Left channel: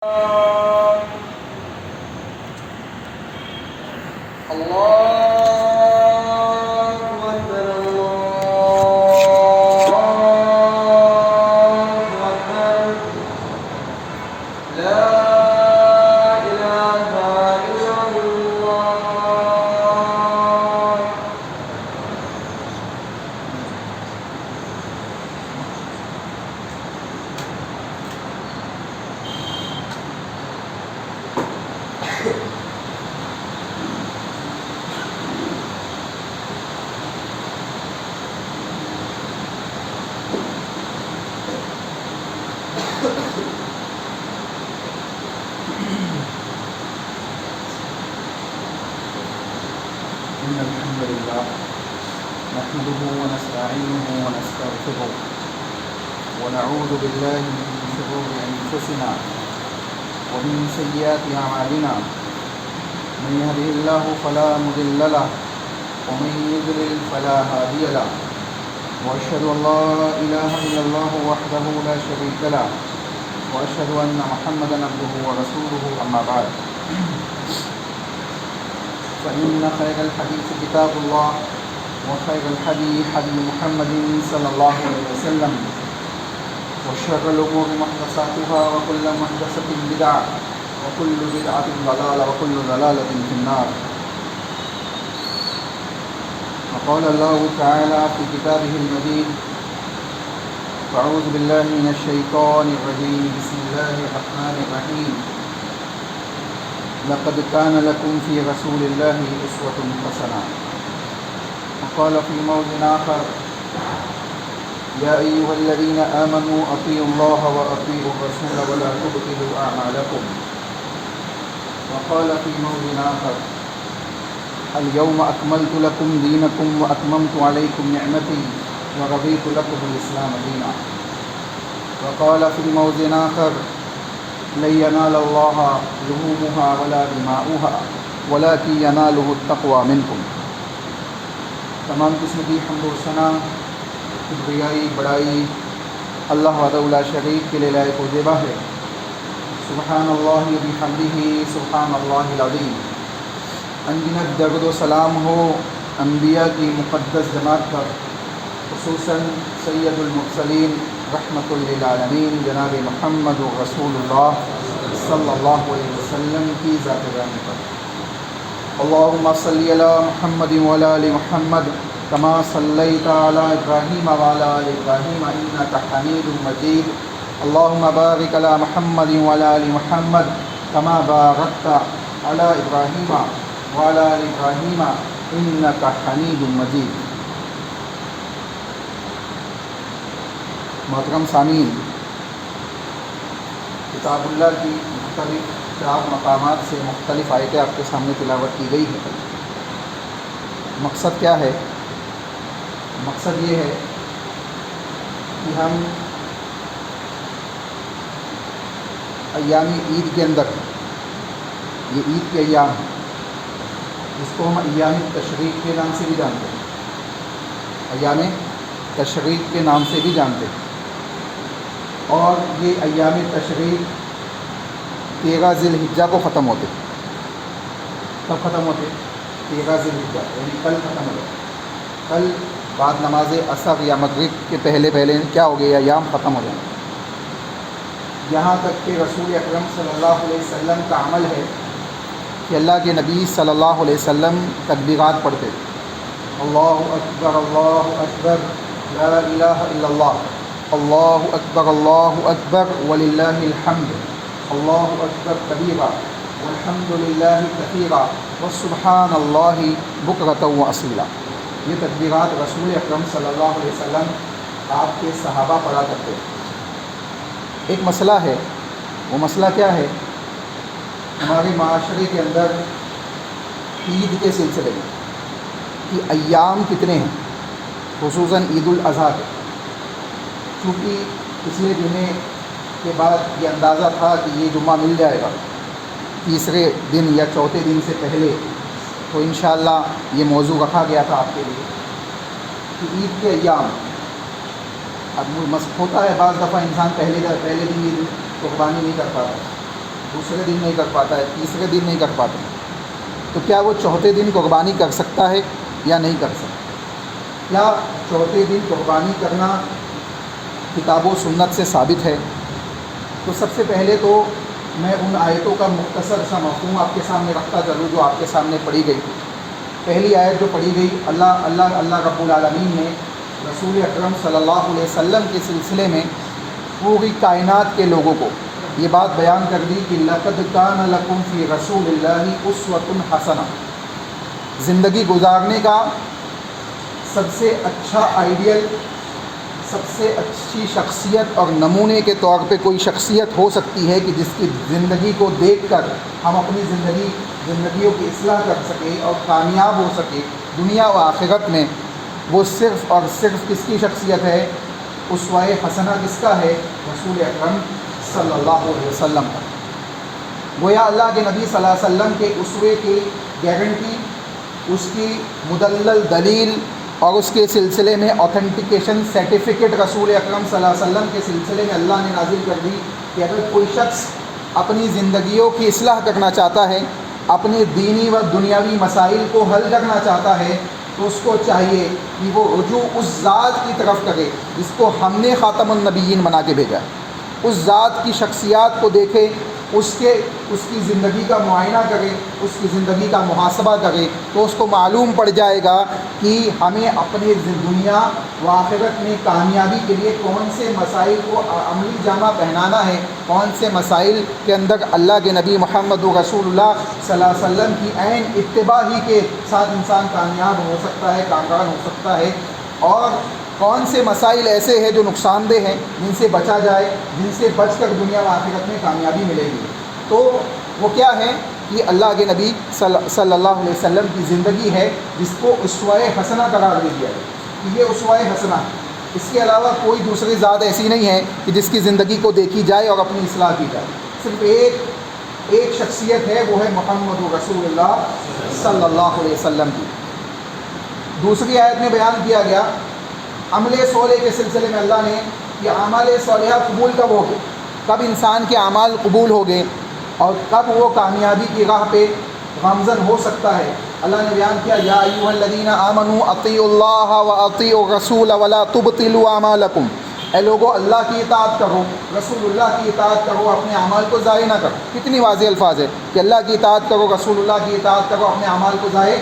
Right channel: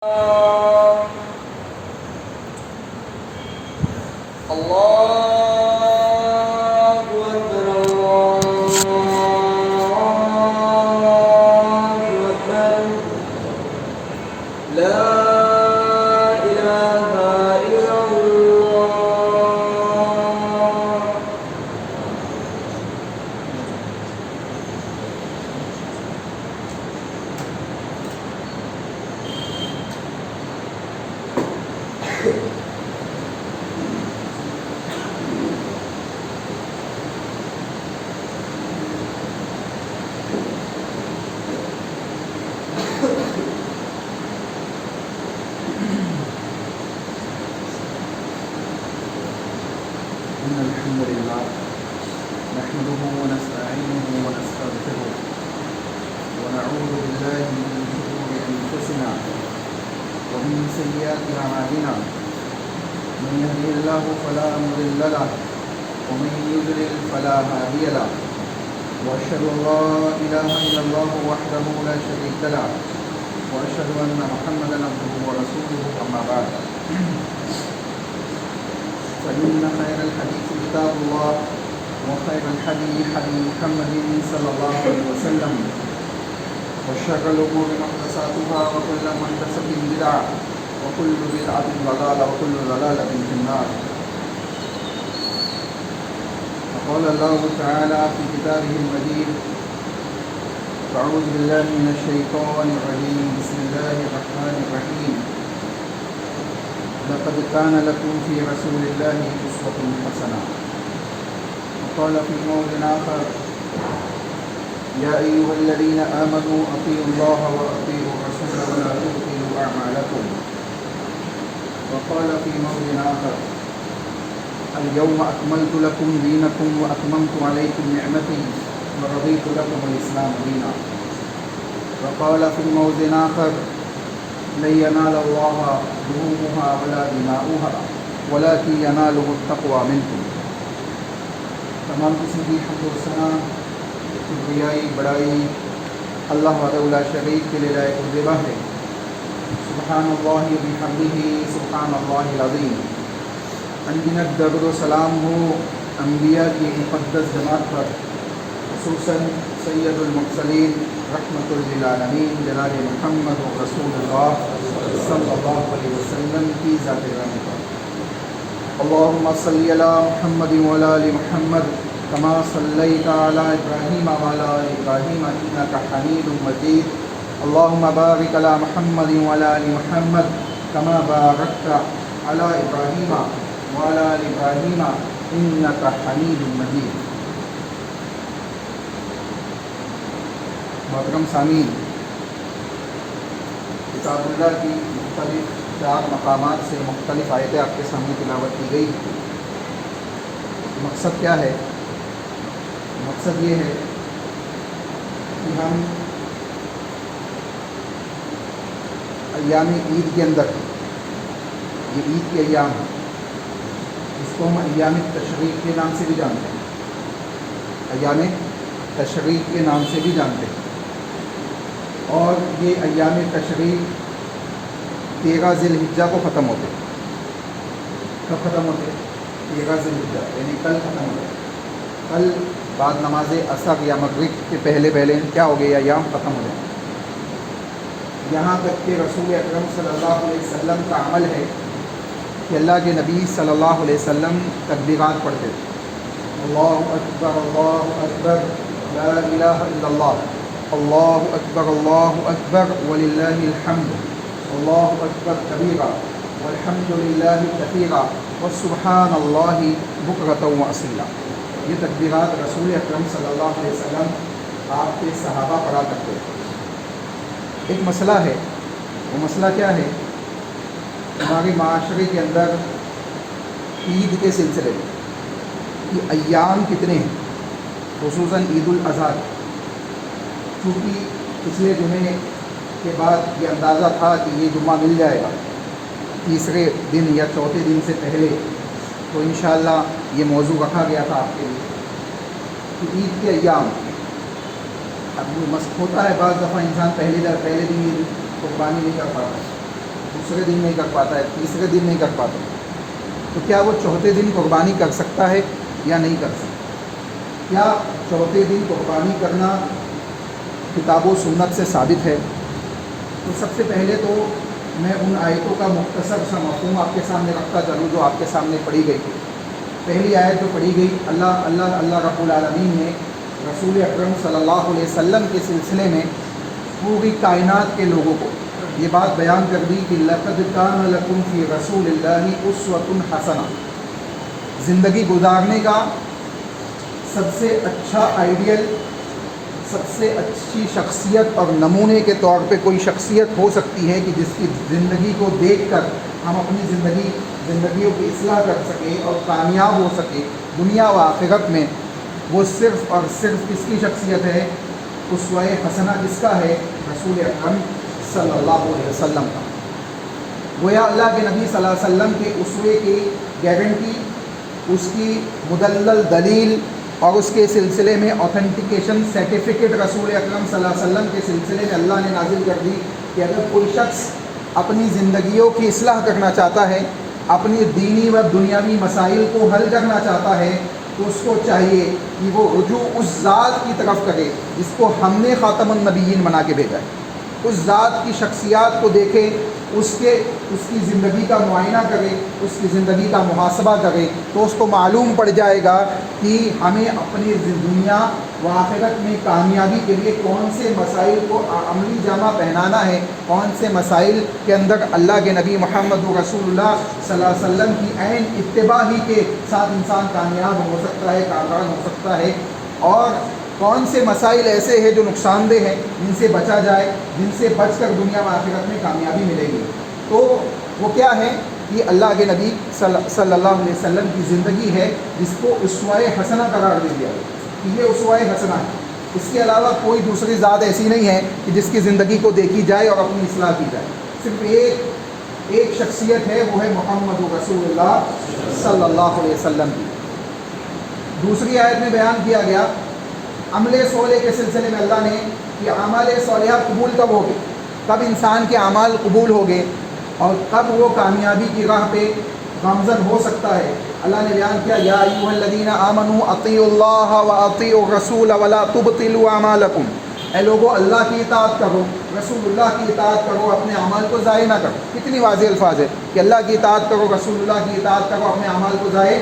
إن الحمد لله نحمده ونستعينه ونستغفره ونعوذ بالله من شرور أنفسنا ومن سيئات أعمالنا من يهده الله فلا مضل له ومن يضلل فلا هادي له وأشهد أن لا إله إلا الله وحده لا شريك له وأشهد أن محمدا عبده ورسوله أما بعد فإن خير الحديث كتاب الله وخير الهدي هدي محمد صلى الله عليه وسلم وشر الأمور محدثاتها وكل محدثة بدعة وكل بدعة ضلالة وكل ضلالة في النار. وقال الله تعالى في كتابه المجيد: أعوذ بالله من الشيطان الرجيم بسم الله الرحمن الرحيم لقد كان لكم في رسول الله أسوة حسنة. وقال في موضع آخر: يا أيها الذين آمنوا أطيعوا الله وأطيعوا الرسول ولا تبطلوا أعمالكم. وقال في موضع آخر: اليوم أكملت لكم دينكم وأتممت عليكم نعمتي ورضيت لكم الإسلام دينا. وقال في موضع آخر: لن ينال الله لحومها ولا دماؤها ولكن يناله التقوى منكم. تمام قسم کی حمد و ثنا کبریائی بڑائی اللہ وحدہ لا شریک کے لیے لائق و زیبا ہے. سبحان اللہ بحمدہ سبحان اللہ العظیم. انگنت درود و سلام ہو انبیاء کی مقدس جماعت پر، خصوصاً سید المرسلین رحمۃ للعالمین جناب محمد رسول اللہ صلی اللہ علیہ وسلم کی ذات گرامی پر. اللہم صلی علی محمد وعلی آل محمد کما صلیت علی ابراہیم وعلی آل ابراہیم انک حمید مجید. اللہم بارک علی محمد وعلی آل محمد کما بارکت علی ابراہیم وعلی آل ابراہیم انک حمید مجید. محترم سامعین، کتاب اللہ کی مختلف 4 مقامات سے مختلف آیتیں آپ کے سامنے تلاوت کی گئی. مقصد کیا ہے؟ مقصد یہ ہے کہ ہم ایام عید کے اندر، یہ عید کے ایام ہیں جس کو ہم ایام تشریق کے نام سے بھی جانتے ہیں، ایام تشریق کے نام سے بھی جانتے ہیں. اور یہ ایام تشریق 13 ذی الحجہ کو ختم ہوتے. کب ختم ہوتے؟ 13 ذی الحجہ، یعنی کل ختم ہوتے. کل بعد نماز عصر یا مغرب کے پہلے کیا ہو گئے؟ ایام ختم ہو گئے. یہاں تک کہ رسول اکرم صلی اللہ علیہ وسلم کا عمل ہے کہ اللہ کے نبی صلی اللہ علیہ وسلم تکبیرات پڑھتے تھے. اللہ اکبر لا الہ الا اللہ، اللہ اکبر وللہ الحمد، اللہ اکبر کبیرہ والحمد للہ کثیرہ وسبحان اللہ بکرۃ واصیلا. یہ تکبیرات رسول اکرم صلی اللہ علیہ وسلم آپ کے صحابہ پڑھا کرتے تھے. ایک مسئلہ ہے، وہ مسئلہ کیا ہے؟ ہمارے معاشرے کے اندر عید کے سلسلے میں کہ ایام کتنے ہیں، خصوصاً عید الاضحیٰ کے. چونکہ پچھلے جمعے کے بعد یہ اندازہ تھا کہ یہ جمعہ مل جائے گا 3رے دن یا 4تھے دن سے پہلے، تو انشاءاللہ یہ موضوع رکھا گیا تھا آپ کے لیے کہ عید کے ایام. اب ہوتا ہے بعض دفعہ انسان پہلے دن عید قربانی نہیں کرتا ہے، دوسرے دن نہیں کر پاتا ہے، تیسرے دن نہیں کر پاتا، تو کیا وہ چوتھے دن قربانی کر سکتا ہے یا نہیں کر سکتا؟ کیا چوتھے دن قربانی کرنا کتاب و سنت سے ثابت ہے؟ تو سب سے پہلے تو میں ان آیتوں کا مختصر سا مفہوم آپ کے سامنے رکھتا چلوں جو آپ کے سامنے پڑھی گئی تھی۔ پہلی آیت جو پڑھی گئی، اللہ رب العالمین نے رسول اکرم صلی اللہ علیہ وسلم کے سلسلے میں پوری کائنات کے لوگوں کو یہ بات بیان کر دی کہ لقد کان لکم فی رسول اللہ اسوۃ حسنہ، زندگی گزارنے کا سب سے اچھا آئیڈیل، سب سے اچھی شخصیت اور نمونے کے طور پہ کوئی شخصیت ہو سکتی ہے کہ جس کی زندگی کو دیکھ کر ہم اپنی زندگیوں کی اصلاح کر سکیں اور کامیاب ہو سکے دنیا و آخرت میں، وہ صرف اور صرف کس کی شخصیت ہے؟ اسوہ حسنہ کس کا ہے؟ رسول اکرم صلی اللہ علیہ وسلم کا۔ گویا اللہ کے نبی صلی اللہ علیہ وسلم کے اسوے کی گارنٹی، اس کی مدلل دلیل اور اس کے سلسلے میں اوتھینٹیکیشن سرٹیفکیٹ رسول اکرم صلی اللہ علیہ وسلم کے سلسلے میں اللہ نے نازل کر دی کہ اگر کوئی شخص اپنی زندگیوں کی اصلاح کرنا چاہتا ہے، اپنی دینی و دنیاوی مسائل کو حل کرنا چاہتا ہے، تو اس کو چاہیے کہ وہ رجوع اس ذات کی طرف کرے جس کو ہم نے خاتم النبیین بنا کے بھیجا، اس ذات کی شخصیات کو دیکھے، اس کی زندگی کا معائنہ کرے، اس کی زندگی کا محاسبہ کرے، تو اس کو معلوم پڑ جائے گا کہ ہمیں اپنی دنیا و آخرت میں کامیابی کے لیے کون سے مسائل کو عملی جامہ پہنانا ہے، کون سے مسائل کے اندر اللہ کے نبی محمد رسول اللہ صلی اللہ علیہ وسلم کی عین اتباع ہی کے ساتھ انسان کامیاب ہو سکتا ہے، کامیاب ہو سکتا ہے، اور کون سے مسائل ایسے ہیں جو نقصان دہ ہیں، جن سے بچا جائے، جن سے بچ کر دنیا و آخرت میں کامیابی ملے گی۔ تو وہ کیا ہے؟ یہ اللہ کے نبی صلی اللہ علیہ وسلم کی زندگی ہے جس کو اسوہ حسنہ قرار دے دیا ہے کہ یہ اسوہ حسنہ ہے۔ اس کے علاوہ کوئی دوسری ذات ایسی نہیں ہے کہ جس کی زندگی کو دیکھی جائے اور اپنی اصلاح کی جائے، صرف ایک شخصیت ہے، وہ ہے محمد رسول اللہ صلی اللہ علیہ وسلم کی۔ دوسری آیت میں بیان کیا گیا عمل صالح کے سلسلے میں اللہ نے کہ اعمال صالحہ قبول کب ہوگے، کب انسان کے اعمال قبول ہوگے اور کب وہ کامیابی کی راہ پہ گامزن ہو سکتا ہے۔ اللہ نے بیان کیا یا ایھا الذین آمنوا اطیعوا اللہ واطیعوا الرسول ولا تبطلوا اعمالکم، اے لوگو اللہ کی اطاعت کرو، رسول اللہ کی اطاعت کرو، اپنے اعمال کو ضائع نہ کرو۔ کتنی واضح الفاظ ہے کہ اللہ کی اطاعت کرو، رسول اللہ کی اطاعت کرو، اپنے اعمال کو ضائع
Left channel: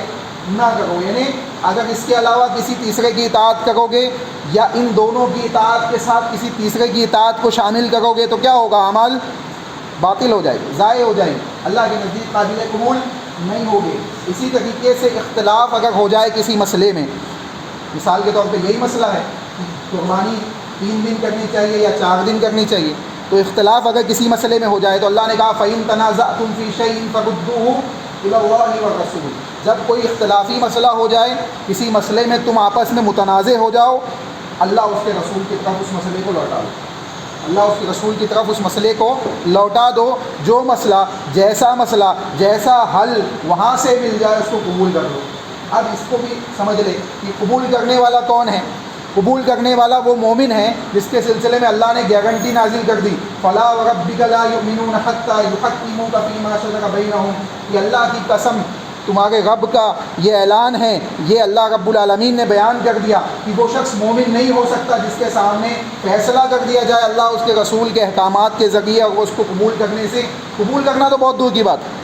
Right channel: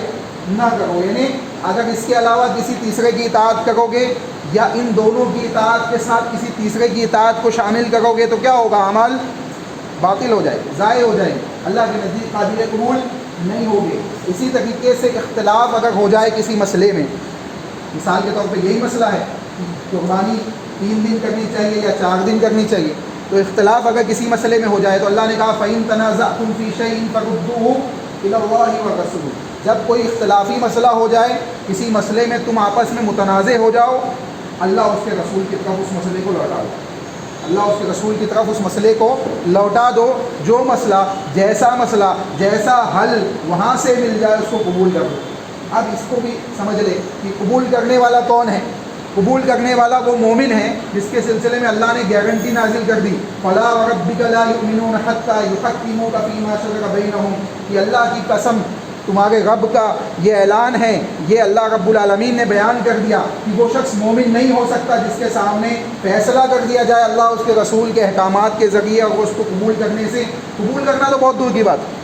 نہ کرو۔ یعنی اگر اس کے علاوہ کسی تیسرے کی اطاعت کرو گے یا ان دونوں کی اطاعت کے ساتھ کسی تیسرے کی اطاعت کو شامل کرو گے تو کیا ہوگا؟ اعمال باطل ہو جائے گے، ضائع ہو جائیں گے، اللہ کے نزدیک قابل قبول نہیں ہوگے۔ اسی طریقے سے اختلاف اگر ہو جائے کسی مسئلے میں، مثال کے طور پہ یہی مسئلہ ہے کہ قربانی 3 دن کرنی چاہیے یا 4 دن کرنی چاہیے، تو اختلاف اگر کسی مسئلے میں ہو جائے تو اللہ نے کہا فَإِن تَنَازَعْتُمْ فِي شَيْءٍ فَرُدُّوهُ إِلَى اللَّهِ وَالرَّسُولِ، جب کوئی اختلافی مسئلہ ہو جائے، کسی مسئلے میں تم آپس میں متنازع ہو جاؤ، اللہ اس کے رسول کی طرف اس مسئلے کو لوٹا دو، اللہ اس کے رسول کی طرف اس مسئلے کو لوٹا دو، جو مسئلہ جیسا حل وہاں سے مل جائے اس کو قبول کر دو۔ اب اس کو بھی سمجھ لے کہ قبول کرنے والا کون ہے؟ قبول کرنے والا وہ مومن ہے جس کے سلسلے میں اللہ نے گارنٹی نازل کر دی فَلَا وَرَبِّكَ لَا يُؤْمِنُونَ حَتَّى يُحَكِّمُوكَ فِي مَا شَجَرَ بَيْنَهُمْ، یہ اللہ کی قسم، تمہارے رب کا یہ اعلان ہے، یہ اللہ رب العالمین نے بیان کر دیا کہ وہ شخص مومن نہیں ہو سکتا جس کے سامنے فیصلہ کر دیا جائے اللہ اس کے رسول کے احکامات کے ذریعے، اور اس کو قبول کرنے سے، قبول کرنا تو بہت دور کی بات ہے،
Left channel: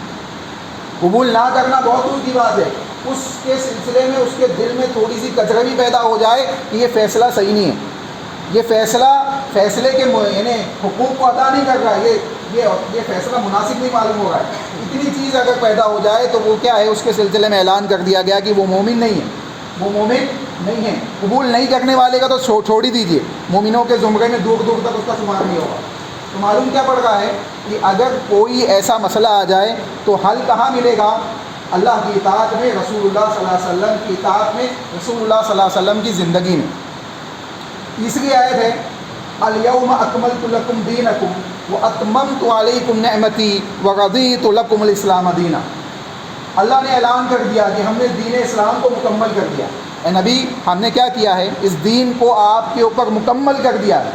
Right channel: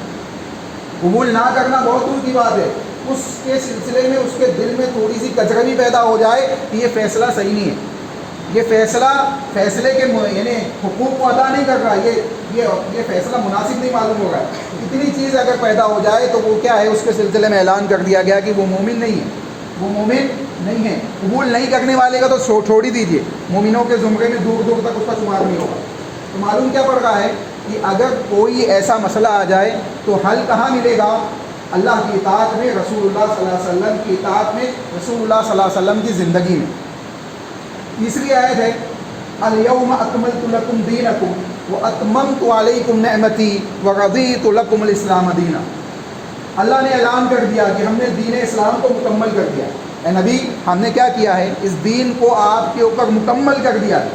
قبول نہ کرنا بہت دور کی بات ہے، اس کے سلسلے میں اس کے دل میں تھوڑی سی کچربی پیدا ہو جائے کہ یہ فیصلہ صحیح نہیں ہے، یہ فیصلے کے یعنی حقوق کو ادا نہیں کر رہا، یہ فیصلہ مناسب نہیں معلوم ہو رہا ہے، اتنی چیز اگر پیدا ہو جائے تو وہ کیا ہے؟ اس کے سلسلے میں اعلان کر دیا گیا کہ وہ مومن نہیں ہے، وہ مومن نہیں ہے۔ قبول نہیں کرنے والے کا تو چھوڑ ہی دیجیے، مومنوں کے زمرے میں دور دور تک اس کا شمار نہیں ہوگا۔ تو معلوم کیا پڑ رہا ہے کہ اگر کوئی ایسا مسئلہ آ جائے تو حل کہاں ملے گا؟ اللہ کی اطاعت میں، رسول اللہ صلی اللہ علیہ وسلم کی اطاعت میں، رسول اللہ صلی اللہ علیہ وسلم کی زندگی میں۔ تیسری آیت ہے الیوم اکملت لکم دینکم واتممت علیکم نعمتی ورضیت لکم الاسلام دینا، اللہ نے اعلان کر دیا کہ ہم نے دین اسلام کو مکمل کر دیا۔ اے نبی، ہم نے کیا کیا ہے؟ اس دین کو آپ کے اوپر مکمل کر دیا ہے،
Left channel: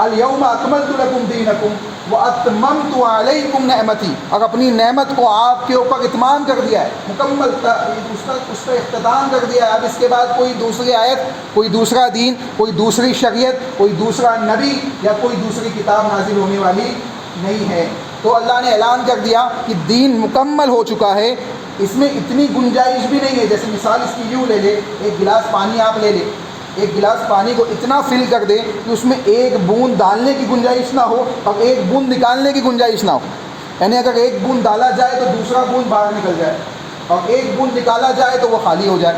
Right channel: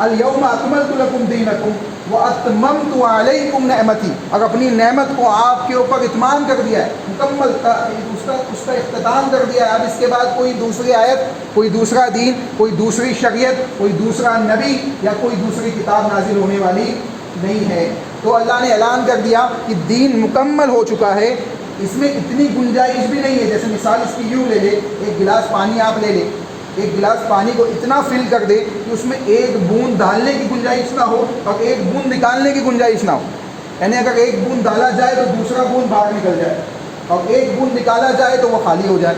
الیوم اکملت لکم دینکم واتممت علیکم نعمتی، اور اپنی نعمت کو آپ کے اوپر اتمام کر دیا ہے، مکمل اس کا اختتام کر دیا ہے۔ اب اس کے بعد کوئی دوسری آیت، کوئی دوسرا دین، کوئی دوسری شریعت، کوئی دوسرا نبی یا کوئی دوسری کتاب نازل ہونے والی نہیں ہے۔ تو اللہ نے اعلان کر دیا کہ دین مکمل ہو چکا ہے، اس میں اتنی گنجائش بھی نہیں ہے۔ جیسے مثال اس کی یوں لے لے، ایک گلاس پانی آپ لے لیں، ایک گلاس پانی کو اتنا فل کر دے کہ اس میں ایک بوند ڈالنے کی گنجائش نہ ہو اور ایک بوند نکالنے کی گنجائش نہ ہو، یعنی اگر ایک بوند ڈالا جائے تو دوسرا بوند باہر نکل جائے اور ایک بوند نکالا جائے تو وہ خالی ہو جائے،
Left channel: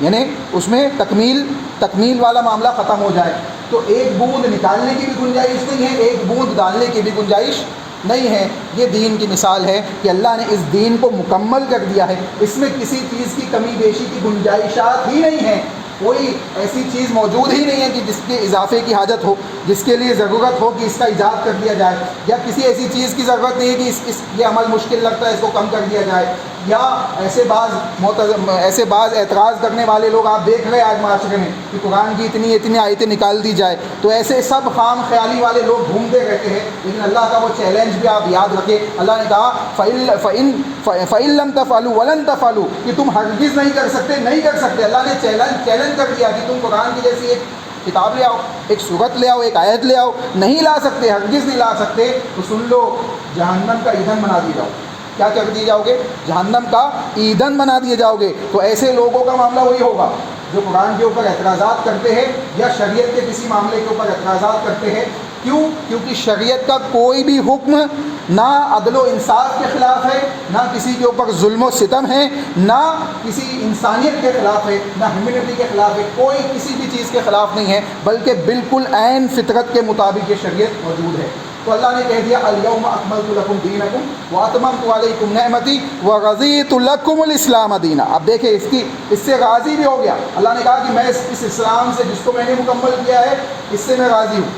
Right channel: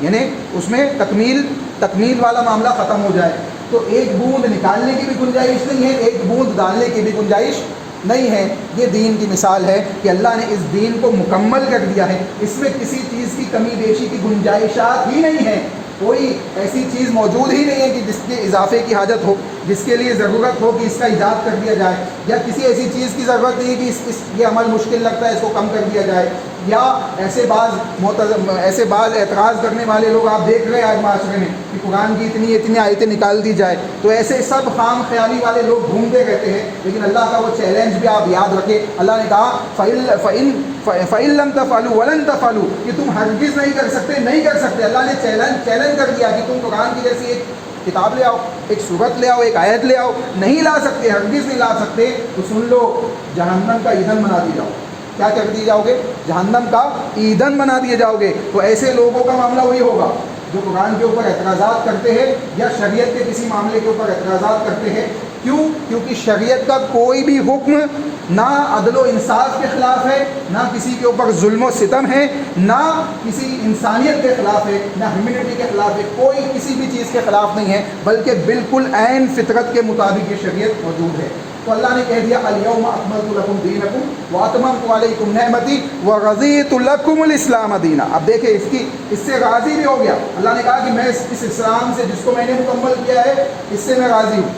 یعنی اس میں تکمیل والا معاملہ ختم ہو جائے۔ تو ایک بوند نکالنے کی بھی گنجائش نہیں ہے، ایک بوند ڈالنے کی بھی گنجائش نہیں ہے۔ یہ دین کی مثال ہے کہ اللہ نے اس دین کو مکمل کر دیا ہے، اس میں کسی چیز کی کمی بیشی کی گنجائشات ہی نہیں ہے، کوئی ایسی چیز موجود ہی نہیں ہے کہ جس کے اضافے کی حاجت ہو، جس کے لیے ضرورت ہو کہ اس کا ایجاد کر دیا جائے، یا کسی ایسی چیز کی ضرورت نہیں ہے کہ یہ عمل مشکل لگتا ہے اس کو کم کر دیا جائے، یا ایسے بعض اعتراض کرنے والے لوگ آپ دیکھ رہے ہیں آج معاشرے میں کہ قرآن کی اتنی آیتیں نکال دی جائے، تو ایسے سب خام خیالی والے لوگ گھومتے رہتے ہیں۔ لیکن اللہ کا وہ چیلنج بھی آپ یاد رکھیں، اللہ نے کہا فَإِن لَمْ تَفْعَلُوا وَلَن تَفْعَلُوا، کہ تم ہرگز نہیں کر سکتے۔ اللہ نے چیلنج کر دیا کہ تم قرآن کی جیسی ایک کتاب لے آؤ، ایک سورت لے آؤ، ایک آیت لے آؤ، نہیں لا سکتے، ہرگز نہیں لا سکتے، تو سن لو، جہنم کا ایندھن بنا دیے جاؤ۔ کیا کر دیے جاؤ گے؟ جہنم کا ایندھن بنا دیے جاؤ گے۔ تو ایسے لوگوں کا معاملہ وہی ہوگا جو قرآن کے اوپر اعتراضات کرتے ہیں یا شریعت کے کسی معاملے کے اوپر اعتراضات کرتے ہیں۔ کیوں؟ کیونکہ شریعت کا کوئی بھی حکم نہ عدل و انصاف کے خلاف ہے، نہ کسی کے اوپر ظلم و ستم ہے، نہ کسی انسانیت کے خلاف ہے، نہ ہیومینٹی کے خلاف ہے، کوئی کسی بھی چیز کے خلاف نہیں ہے، بلکہ بالکل عین فطرت کے مطابق یہ شریعت موجود ہے۔ تو اللہ نے کہہ دیا الیوم اکملت لکم دینکم واتممت علیکم نعمتی ورضیت لکم الاسلام دینا۔ اب دیکھیں اس سے راضی بھی ہو گیا۔ اللہ نے کہا کہ میں اس اسلام سے جس کو میں نے مکمل کیا ہے اس سے میں راضی ہوں۔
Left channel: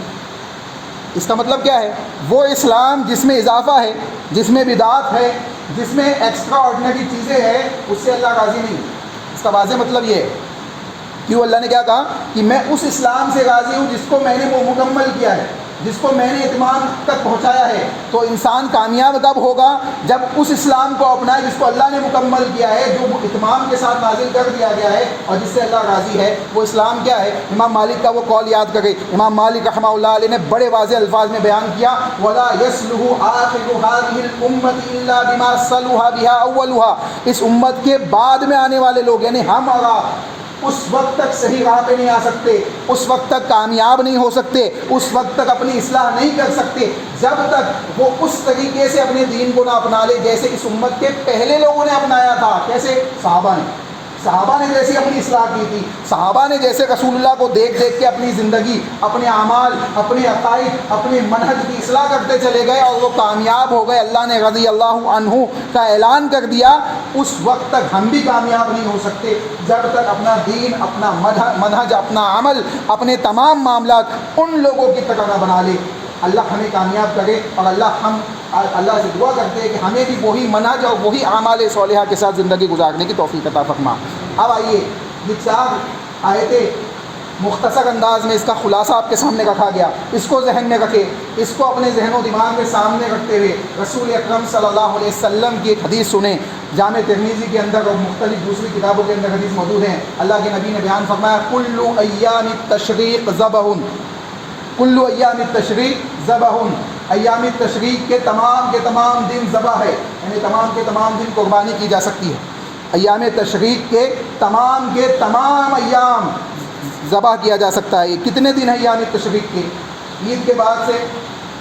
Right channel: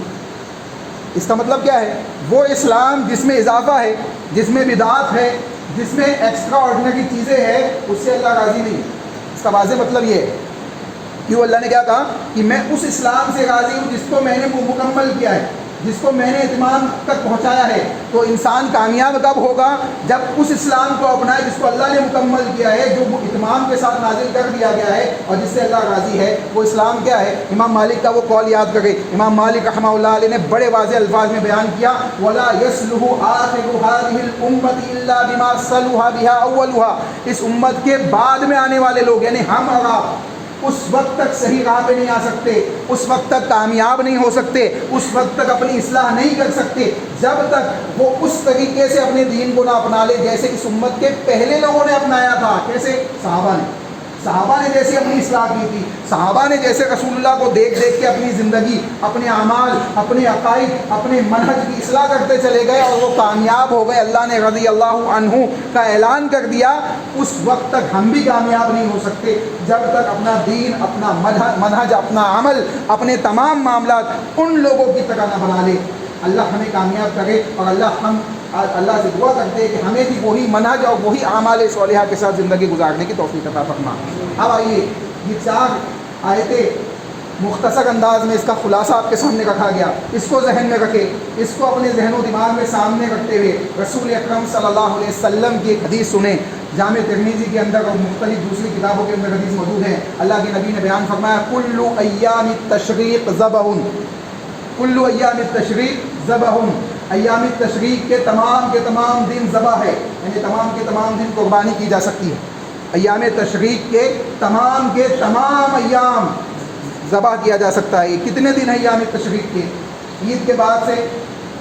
اس کا مطلب کیا ہے؟ وہ اسلام جس میں اضافہ ہے، جس میں بدعت ہے، جس میں ایکسٹرا آرڈنری چیزیں ہیں، اس سے اللہ راضی نہیں ہے۔ اس کا واضح مطلب یہ ہے کہ وہ اللہ نے کیا کہا کہ میں اس اسلام سے راضی ہوں جس کو میں نے وہ مکمل کیا ہے، جس کو میں نے اتمام تک پہنچایا ہے۔ تو انسان کامیاب کب ہوگا؟ جب اس اسلام کو اپنائے جس کو اللہ نے مکمل کیا ہے، جو وہ اتمام کے ساتھ نازل کر دیا گیا ہے اور جس سے اللہ راضی ہے۔ وہ اسلام کیا ہے؟ امام مالک کا وہ قول یاد کرے، امام مالک رحمہ اللہ علیہ نے بڑے واضح الفاظ میں بیان کیا، وَلَا يَصْلُحُ آخِرُ هَٰذِهِ الْأُمَّةِ إِلَّا بِمَا صَلُحَ بِهَا أَوَّلُهَا۔ اس امت کے بعد میں آنے والے لوگ یعنی ہم اور آپ اس وقت تک صحیح راہ پہ نہیں آ سکتے، اس وقت تک کامیاب نہیں ہو سکتے، اس وقت تک اپنی اصلاح نہیں کر سکتے جب تک وہ اس طریقے سے اپنے دین کو نہ اپنا لے جیسے اس امت کے پہلے لوگوں نے اپنایا تھا۔ کیسے؟ صحابہ نے جیسی اپنی اصلاح کی تھی، صحابہ نے جیسے رسول اللہ کو دیکھ کے اپنی زندگی، اپنے اعمال، اپنے عقائد، اپنے منہج کی اصلاح کرتے چلے گئے اور وہ کامیاب ہو گئے۔ اللہ نے رضی اللہ عنہ کا اعلان کر دیا، اس وقت تک ہم بھی کامیاب نہیں ہو سکتے جب تک اپنا دین، اپنا منہج، اپنا عمل، اپنے تمام معاملات ان لوگوں کی طرح نہ بنا لے۔ اللہ ہمیں کامیاب کرے اور اللہ سے دعا کرتے ہیں کہ ہمیں بھی وہی منہج اور وہی اعمال صالحہ کے ساتھ زندگی گزارنے کی توفیق عطا فرما۔ اب آئیے یہ 4 آیتیں مختصر انداز میں اس کا خلاصہ آپ کے سامنے رکھا گیا، اس کو ذہن میں رکھے، اس کو اپنے ذہن و دماغ میں سامنے رکھتے ہوئے رسول اکرم صلی اللہ علیہ وسلم کی ایک حدیث سنیں۔ جامع ترمذی کے اندر اور مختلف دوسری کتابوں کے اندر حدیث موجود ہیں۔ اللہ کے نبی نے بیان فرمایا، کل ایام التشریق ذبح، کل ایام التشریق ذبح، ایام تشریق کے تمام دن ذبح ہے، یعنی تمام کے تمام دن قربانی کی جا سکتی ہے۔ ایام تشریق کے تمام ایام ذبح کیا جا سکتا ہے۔ کتنے دن ہیں ایام تشریق کے؟ عید کے بعد سے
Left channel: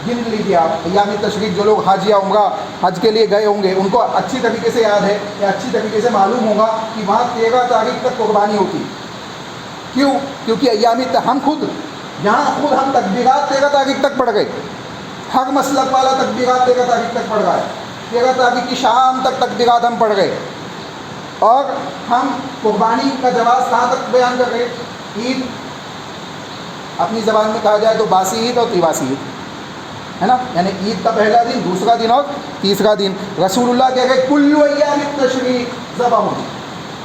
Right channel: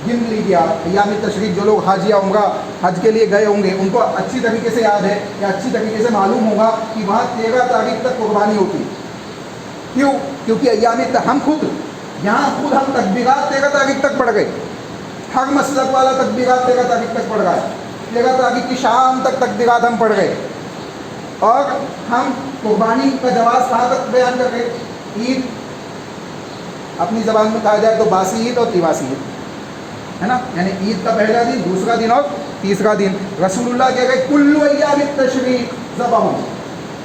گن لیجیے آپ۔ ایام تشریق جو لوگ حج یا عمرہ حج کے لیے گئے ہوں گے ان کو اچھی طریقے سے یاد ہے یا اچھی طریقے سے معلوم ہوگا کہ وہاں 13 تاریخ تک قربانی ہوتی ہے۔ کیوں؟ کیونکہ ہم خود تکبیرات 13 تاریخ تک پڑھ گئے، ہر مسلک والا تکبیرات 13 تاریخ تک پڑھ رہا ہے، 13 تاریخ کی شام تک تکبیرات ہم پڑھ گئے، اور ہم قربانی کا جواز کہاں تک بیان کر رہے؟ عید، اپنی زبان میں کہا جائے تو باسی عید اور تیواسی عید ہے نا، یعنی عید کا پہلا دن، دوسرا دن اور تیسرا دن۔ رسول اللہ کہہ گئے کل ایام التشریق ذبح،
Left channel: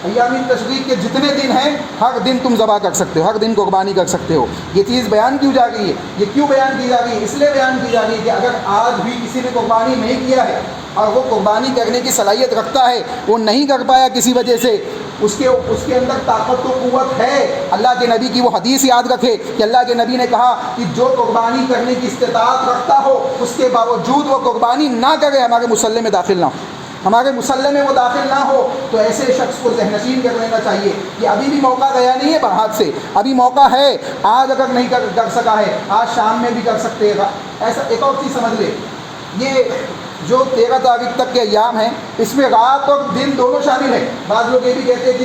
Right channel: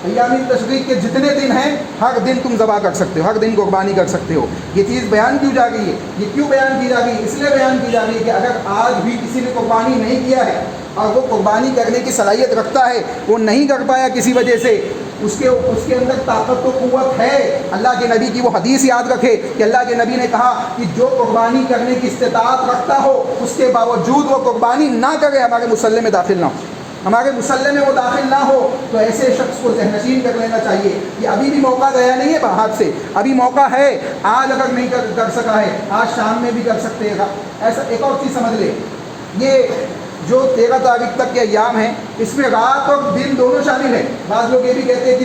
ایام تشریق کے جتنے دن ہیں ہر دن تم ذبح کر سکتے ہو، ہر دن قربانی کر سکتے ہو۔ یہ چیز بیان کیوں جا گئی ہے؟ یہ کیوں بیان کی جا گئی ہے؟ اس لیے بیان کی جا گئی ہے کہ اگر آج بھی کسی نے قربانی نہیں کیا ہے اور وہ قربانی کرنے کی صلاحیت رکھتا ہے، وہ نہیں کر پایا کسی وجہ سے، اس کے اندر طاقت و قوت ہے، اللہ کے نبی کی وہ حدیث یاد رکھے کہ اللہ کے نبی نے کہا کہ جو قربانی کرنے کی استطاعت رکھتا ہو اس کے باوجود وہ قربانی نہ کرے، ہمارے مصلی میں داخل نہ ہو، ہمارے مصلی میں وہ داخل نہ ہو، تو ایسے شخص کو ذہن نشین کر لینا چاہیے کہ ابھی بھی موقع گیا نہیں ہے ہاتھ سے، ابھی موقع ہے، آج اگر نہیں کر سکا ہے آج شام میں بھی کر سکتے گا۔ ایسا ایک اور چیز سمجھ لے، یہ جو 13 تاریخ تک کے ایام ہیں اس میں رات اور دن دونوں شامل ہیں۔ بعض لوگ یہ بھی کہتے ہیں کہ